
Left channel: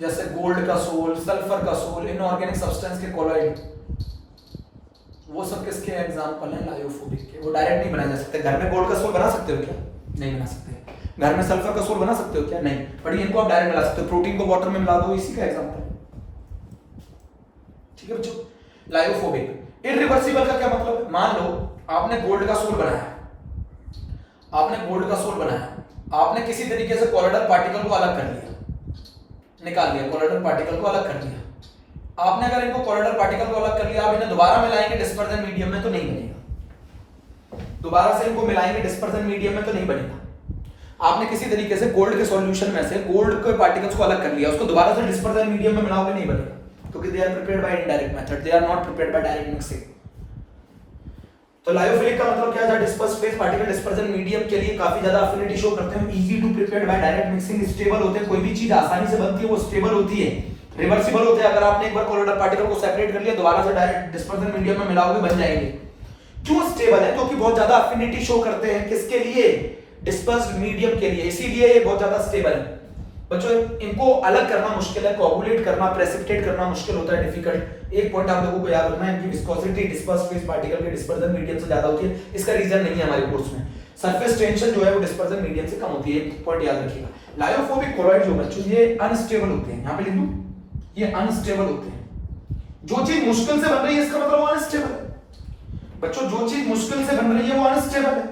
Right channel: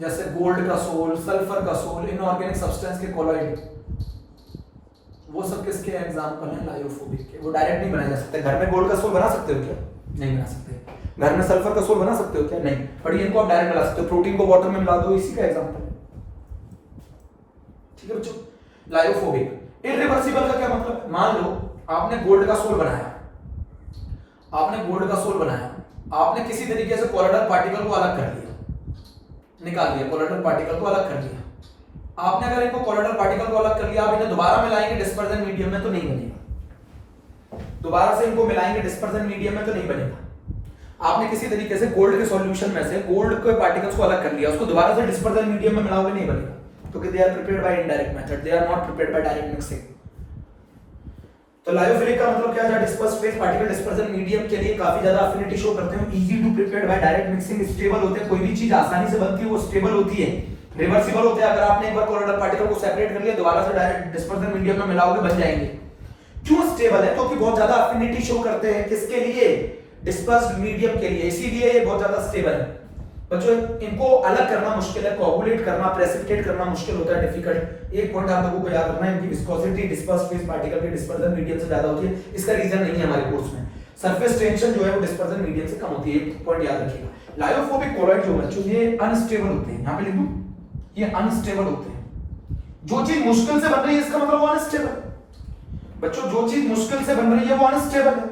जैसे गोल्ड का सोल, सल्फर का सोल, इनऑर्गेनिक सब्सटेंस के कोलॉइड, वो सब किसके एग्जांपल हैं? लायोफोबिक के। वो डायरेक्ट नहीं बनाए जा सकते। घर में गोल्ड का सोल बना सकते हो क्या? नहीं बना सकते। घर में सल्फर का सोल बना सकते हो क्या? नहीं। बट इनको आप डायरेक्ट बना सकते हो, प्रोटीन को वाटर में मिला दो, इसी का एग्जांपल है। ठीक है बच्चों, लायोफोबिक। इरिवर्सिबल का क्या मतलब? मान लो आपने गोल्ड का सोल बनाया, आपने गोल्ड का सोल बनाया, आपने किसी तरीके से कोलोइडल पार्टिकल को अलग कर लिया, निकाल दिया, कोलोइडल पार्टिकल को अलग कर दिया। आपने अगर इनको कोलोइडल पार्टिकल को अलग कर लिया, आप इन्हें दोबारा मिलाएंगे डिस्पर्जन मीडियम में तो नहीं बनेगा, दोबारा से इनको मिलाएंगे डिस्पर्जन मीडियम में तो नहीं बनेगा। आपने किसी तरीके से गोल्ड के सॉल्यूशन में से गोल्ड के पार्टिकल्स को अलग कर लिया, उसको दोबारा से डिस्पर्जन मीडियम में मिलाओगे, नहीं बनेगा, क्योंकि they are prepared by indirect method, they are not prepared by direct mixing. तो लायोफिलिक का मतलब क्या है? Disperse phase particle dispersion medium के लिए काफी ज्यादा अफिनिटी शो करते हैं, easy to prepared by direct mixing, stable होते हैं, कोई भी चीज आसानी से बनती है वो स्टेबल होती है, रिवर्सिबल होते हैं। अगर आपने एक बार कोलोइडल पार्टिकल को सेपरेट कर लिया, दोबारा से डायरेक्ट डिस्पर्जन मीडियम में मिलाओगे, बन जाएंगे। क्यों स्टेबल है? क्योंकि बहुत ज्यादा अफिनिटी शो करते हैं, किसके लिए? डिस्पर्स्ड मीडियम के लिए, इसीलिए ये बहुत ज्यादा स्टेबल है। बच्चों इनको अलग करना मुश्किल है, कोगुलेट करना, प्रेसिपिटेट करना मुश्किल होता है, डिफिकल्ट। एक पॉइंट आप लोगों को याद रखना है, इनकी विस्कोसिटी डिस्पर्स्ड फेज पार्टिकल के डिस्पर्जन मीडियम से ज्यादा होती है। इसका रीजन नहीं है हमारे कोर्स में। सरफेस टेंशन जो है वो डिस्पर्जन मीडियम से कम होती है, एक पॉइंट याद रखिएगा। लायोफोबिक कोलॉइड जो बच्चों ये अनस्टेबल होते हैं, यहां पे लिख दूं, ये अनस्टेबल होते हैं। जो चीज मुश्किल से बन रही है इसका मतलब वो अनस्टेबल है। बच्चों जो चीज मुश्किल से बन रही है वो अनस्टेबल है,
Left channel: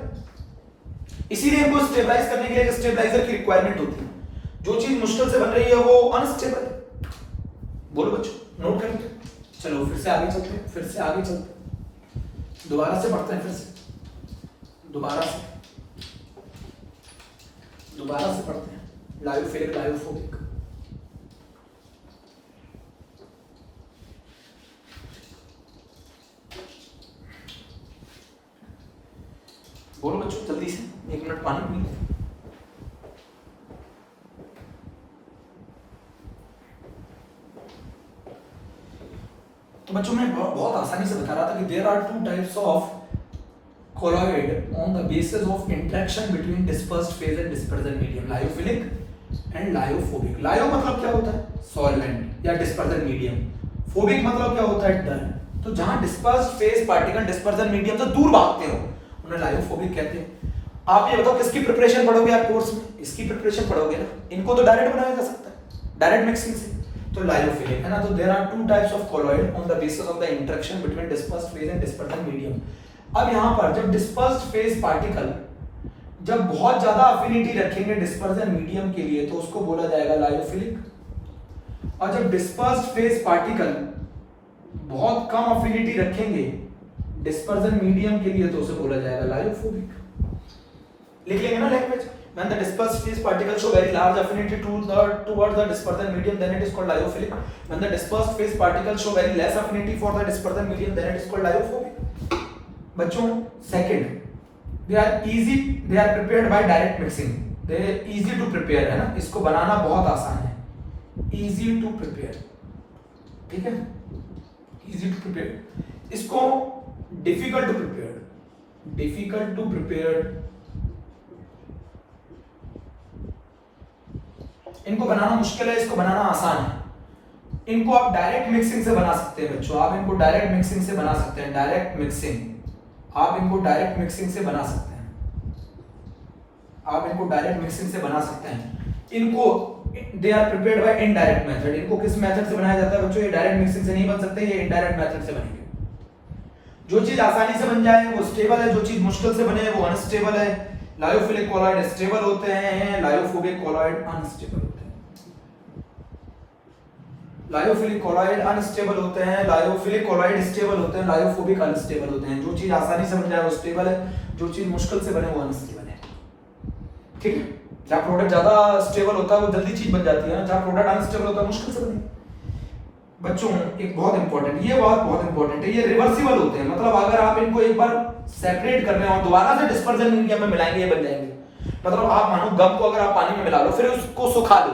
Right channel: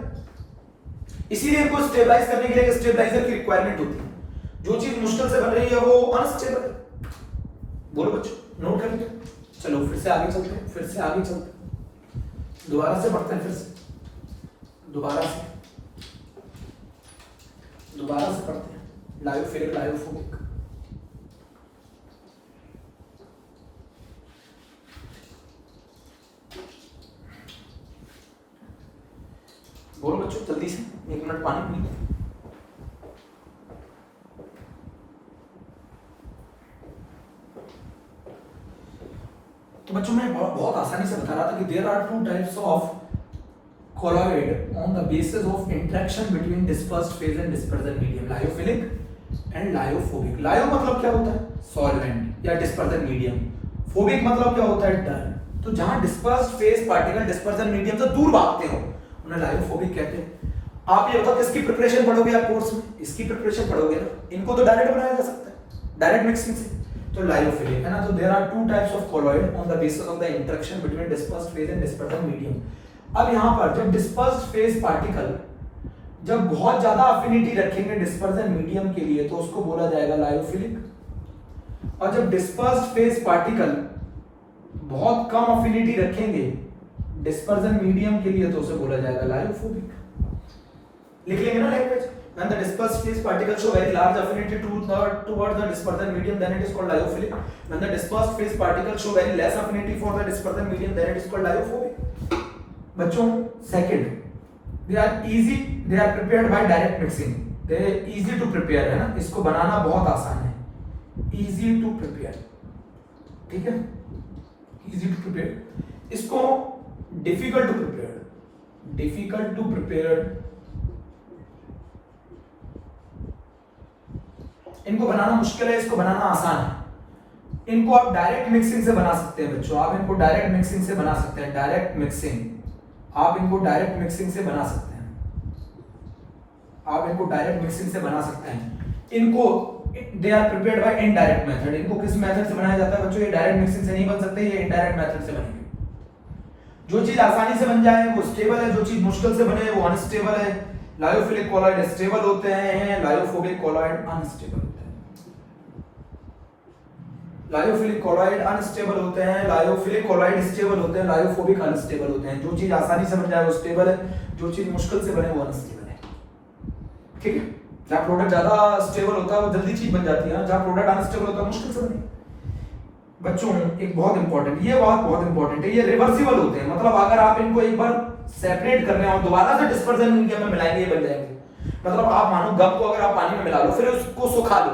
इसीलिए इनको स्टेबलाइज करने के लिए एक स्टेबलाइजर की रिक्वायरमेंट होती है। जो चीज मुश्किल से बन रही है वो अनस्टेबल है। बोलो बच्चों, नोट कर लीजिए। चलो फिर से आगे चलते हैं, फिर से आगे चलते हैं, दोबारा से पढ़ते हैं, फिर से दोबारा से पढ़ते हैं। Lyophilic, lyophobic. बोलो बच्चों जल्दी से, 1 मिनट पानी पी। तो बच्चों मैं बहुत आसानी से बता रहा था कि there are 2 types of colloid on the basis of interaction between dispersed phase and dispersion medium, lyophilic and lyophobic. लायो मतलब क्या होता है? सॉल्वेंट या डिस्पर्जन मीडियम। फोबिक मतलब क्या होता है? डर। तो जहां dispersed phase particle dispersion medium से दूर भागते हो उन्हें लायोफोबिक कहते हैं। आप ये बताओ किसकी प्रिपरेशन पढ़ोगे आप कोर्स में? इसकी प्रिपरेशन पढ़ोगे ना, इनको तो डायरेक्ट बनाया जा सकता है, डायरेक्ट मिक्सिंग से। तो लायोफिलिक है ना। तो there are 2 types of colloid on the basis of the interaction between dispersed phase and dispersion medium। अब यहां पर जब डिस्पर्स्ड फेज पार्टिकल जब बहुत ज्यादा अफिनिटी रखेंगे डिस्पर्जन मीडियम के लिए तो उसको बोला जाएगा लायोफिलिक, और जब डिस्पर्स्ड फेज पार्टिकल बहुत कम अफिनिटी रखेंगे डिस्पर्जन मीडियम के लिए तो उसे बोला जाएगा लायोफोबिक। लिख लेंगे ना language. When the dispersed phase particles show very large affinity towards the dispersion medium, then it is called lyophilic. When the dispersed phase particles show very less affinity for the dispersion medium, then it is called lyophobic. बच्चों second, they are prepared by direct mixing. They are easy to prepare है ना, इसको बनाना बहुत आसान है, easy to prepare, ठीक है, easy to prepare। इसको difficult to prepare, इनको बनाना मुश्किल है, इसको बनाना आसान है। इनको आप डायरेक्ट मिक्सिंग से बना सकते हैं बच्चों, आप इनको डायरेक्ट मिक्सिंग से बना सकते हैं, डायरेक्ट मिक्सिंग, आप इनको डायरेक्ट मिक्सिंग से बना सकते हैं, आप इनको डायरेक्ट मिक्सिंग से बना सकते हैं। इनको they are prepared by indirect method. इनको किस मेथड से बनाया जाता है बच्चों? ये डायरेक्ट मिक्सिंग से नहीं बन सकते, ये इनडायरेक्ट मेथड से बनेंगे। जो चीज आसानी से बन जाए वो स्टेबल है, जो चीज मुश्किल से बने वो अनस्टेबल है। लायोफिलिक कॉलॉइड स्टेबल होते हैं, लायोफोबिक कॉलॉइड अनस्टेबल होते हैं। लायोफिलिक कॉलॉइड अनस्टेबल होते हैं, लायोफिलिक कॉलॉइड स्टेबल होते हैं, लायोफोबिक अनस्टेबल होते हैं। जो चीज आसानी से बन जाए वो स्टेबल है, जो चीज मुश्किल से बने वो अनस्टेबल है। ठीक है, जहां प्रोडक्ट ज्यादा स्टेबल होता है वो जल्दी चीज बन जाती है, जहां प्रोडक्ट अनस्टेबल होता है मुश्किल से बने। बच्चों एक बहुत इंपॉर्टेंट, ये बात बहुत इंपॉर्टेंट है, ये रिवर्सिबल होते हैं। मतलब अगर आप इनको एक बार सेपरेट कर रहे हो और दोबारा से डिस्पर्जन मीडियम में मिलाएंगे, ये बन जाएंगे। मतलब आप मानो गम को अगर आप पानी में मिला लो, फिर उसको सुखा लो,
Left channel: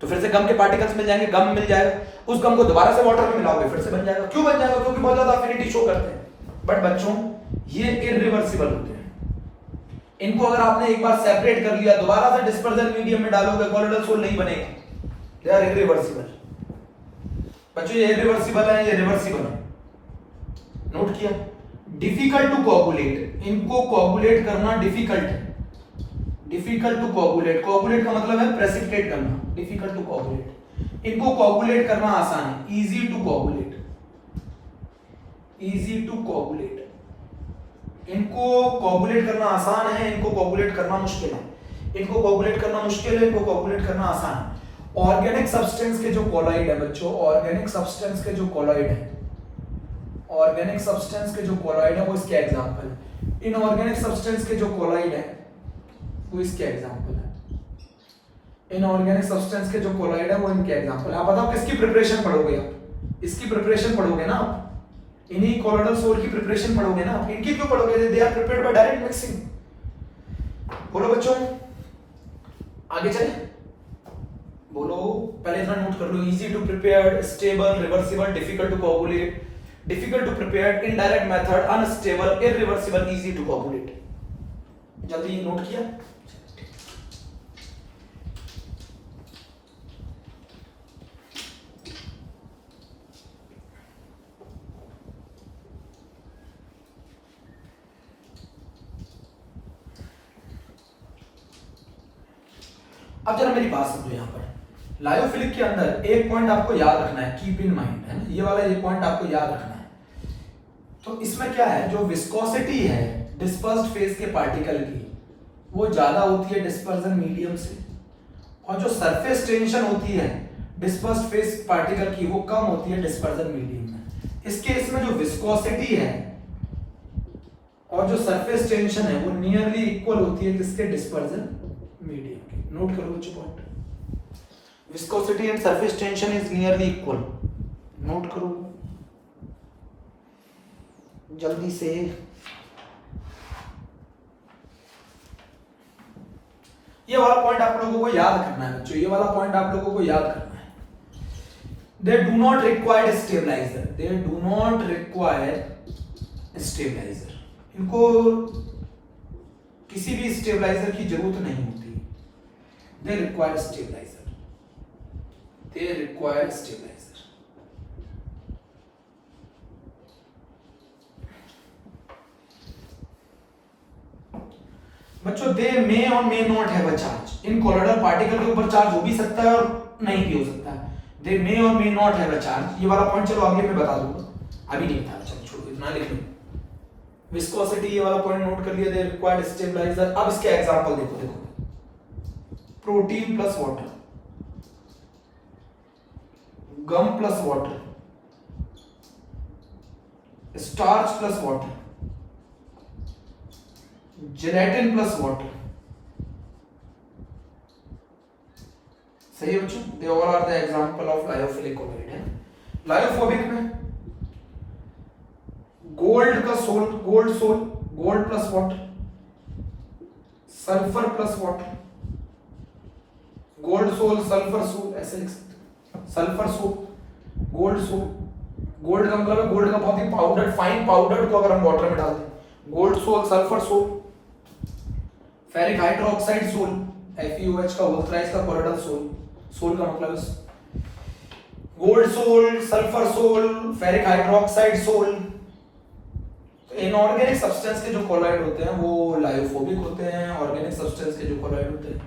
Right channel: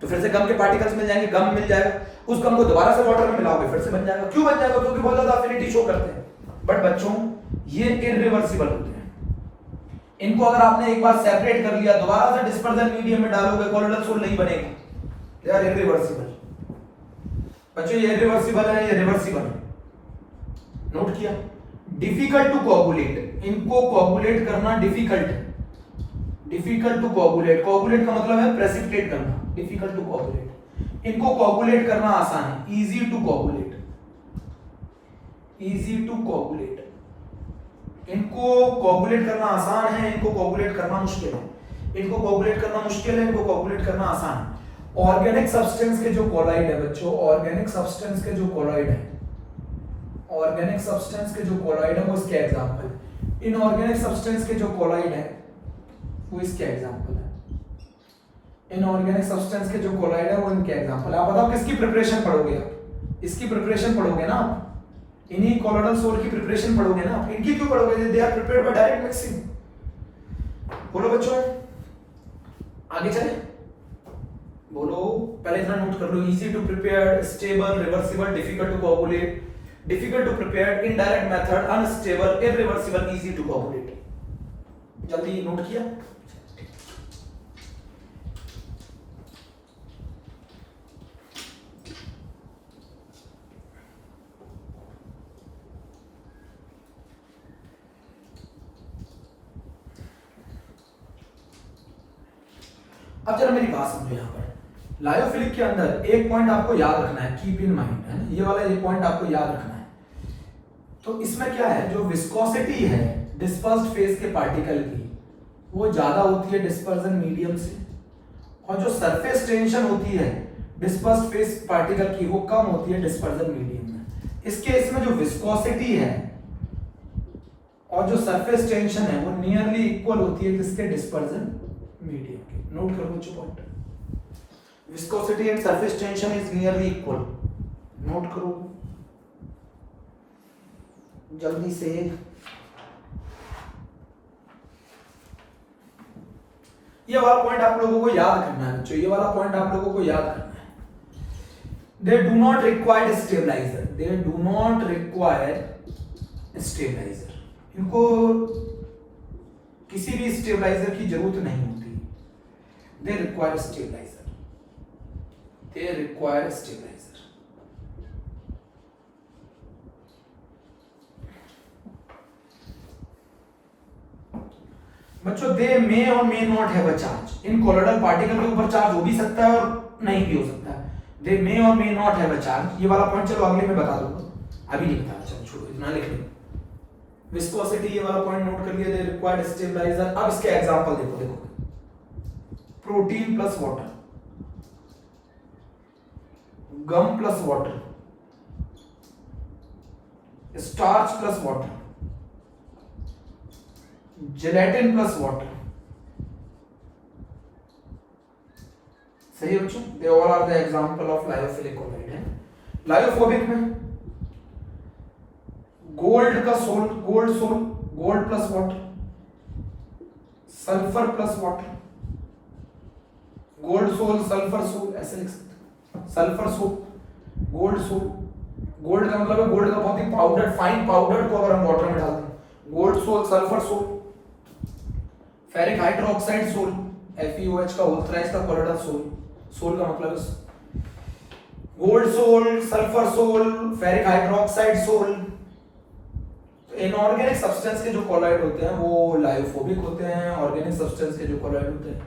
तो फिर से गम के पार्टिकल्स मिल जाएंगे, गम मिल जाएगा। उस गम को दोबारा से वाटर में मिलाओगे, फिर से बन जाएगा। क्यों बन जाएगा? क्योंकि बहुत ज्यादा अफिनिटी शो करते हैं। बट बच्चों ये इरिवर्सिबल होते हैं। इनको अगर आपने एक बार सेपरेट कर लिया, दोबारा से डिस्पर्जन मीडियम में डालोगे, कोलोइडल सोल नहीं बनेगा। They are irreversible. बच्चों ये इरिवर्सिबल है, ये रिवर्सिबल है। नोट किया? डिफिकल्ट टू कोगुलेट, इनको कोगुलेट करना डिफिकल्ट है। डिफिकल्ट टू कोगुलेट, कोगुलेट का मतलब है प्रेसिपिटेट करना, डिफिकल्ट टू कोगुलेट। इनको कोगुलेट करना आसान है, easy to coagulate, easy to coagulate. इनको कोगुलेट करना आसान है, इनको कोगुलेट करना मुश्किल है। इनको कोगुलेट करना मुश्किल है, इनको कोगुलेट करना आसान है। ऑर्गेनिक सब्सटेंस के जो कोलॉइड है बच्चों, ऑर्गेनिक सब्सटेंस के जो कोलॉइड है, ऑर्गेनिक सब्सटेंस के जो कोलॉइड है वो इसके एग्जांपल है। इनऑर्गेनिक सब्सटेंस के जो कोलॉइड है वो इसके एग्जांपल है। इनऑर्गेनिक सब्सटेंस के जो कोलॉइड है वो इनके एग्जांपल है। आप बताओ किसकी प्रिपरेशन पढ़ोगे आप? इसकी प्रिपरेशन पढ़ोगे ना आप, इन्हीं कोलोइडल सोल की प्रिपरेशन पढ़ोगे ना आप। इनकी क्यों पढ़ोगे? They are prepared by direct mixing. बोलो बच्चों, आगे चले, बोलो। पहले इतना नोट कर लो, easy to prepared, stable, reversible, difficult to coagulate, difficult to prepared, indirect method, unstable, irreversible, easy to coagulate. जल्दी नोट किया? अब जरा मेरी बात समझो। यहाँ पर लायोफिलिक के अंदर एक पॉइंट आपको याद रखना है, कीप इन माइंड, है ना, ये वाला एक पॉइंट आपको याद रखना है। तो इसमें क्या है, जो विस्कोसिटी है डिस्पर्स्ड फेज के पार्टिकल की वो ज्यादा होती है डिस्पर्जन मीडियम से, और जो सरफेस टेंशन होती है डिस्पर्स्ड फेज पार्टिकल की वो कम होती है डिस्पर्जन मीडियम में। इस केस में जो विस्कोसिटी है और जो सरफेस टेंशन है वो नियरली इक्वल होती है किसके? डिस्पर्जन मीडियम के। नोट करो बच्चों point, viscosity and surface tension is nearly equal. Note करो जल्दी से। ये वाला पॉइंट आप लोगों को याद करना है बच्चों, ये वाला पॉइंट आप लोगों को याद करना है। They do not require stabiliser, they do not require stabiliser. इनको किसी भी स्टेबलाइजर की जरूरत नहीं होती। They require stabiliser, they require stabiliser. बच्चों दे मे और may not have a charge. इन कोलोइडल पार्टिकल के ऊपर चार्ज हो भी सकता है और नहीं भी हो सकता है। दे मे और may not have a charge. ये वाला पॉइंट चलो अगले में बता दूंगा, अभी नहीं बता, चलो छोड़ो, इतना लिख लो। विस्कोसिटी ये वाला पॉइंट नोट कर लिया। They required stabiliser. अब इसके एग्जांपल देखो, देखो protein plus water, gum plus water, starch plus water, gelatin plus water. सही है बच्चों? They all are the example of lyophilic colloid है। लायोफोबिक में गोल्ड का sol, gold sol, gold plus water, sulphur plus water, gold sol sulphur sol, ऐसे लिख सकते हो। Sulphur sol, gold sol. Gold का मतलब है गोल्ड का बहुत ही पाउडर, फाइन पाउडर को अगर हम वाटर में डाल दें, gold sol, sulphur sol. Ferric hydroxide sol, FeOH का होल थ्राइस का कोलोइडल सोल। सोल का मतलब है gold sol, sulphur sol, ferric hydroxide sol. Inorganic substance के जो कॉलॉइड होते हैं वो लायोफोबिक होते हैं, ऑर्गेनिक सब्सटेंस के जो कॉलॉइड होते हैं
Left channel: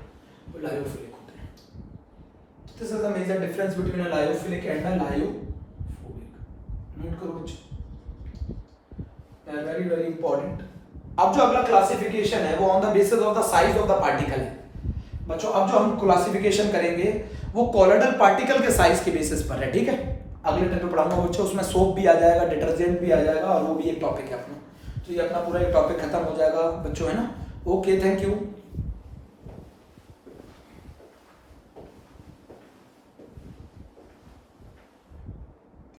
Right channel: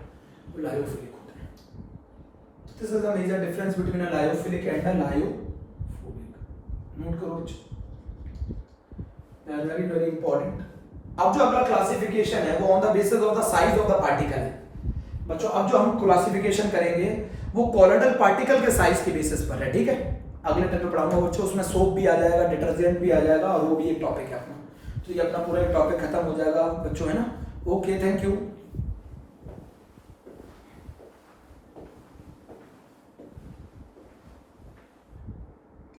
वो लायोफिलिक होते हैं। This is the major difference between a lyophilic and a lyophobic. Note करो वेरी वेरी इंपॉर्टेंट। अब जो अगला क्लासिफिकेशन है वो on the basis of the size of the particle है बच्चों। अब जो हम क्लासिफिकेशन करेंगे वो कॉलोइडल पार्टिकल के साइज के बेसिस पर है, ठीक है। अगले टाइम पे पढ़ाऊंगा बच्चों, उसमें सोप भी आ जाएगा, डिटर्जेंट भी आ जाएगा और वो भी एक टॉपिक है अपना। तो ये अपना पूरा एक टॉपिक खत्म हो जाएगा बच्चों, है ना। Okay, thank you.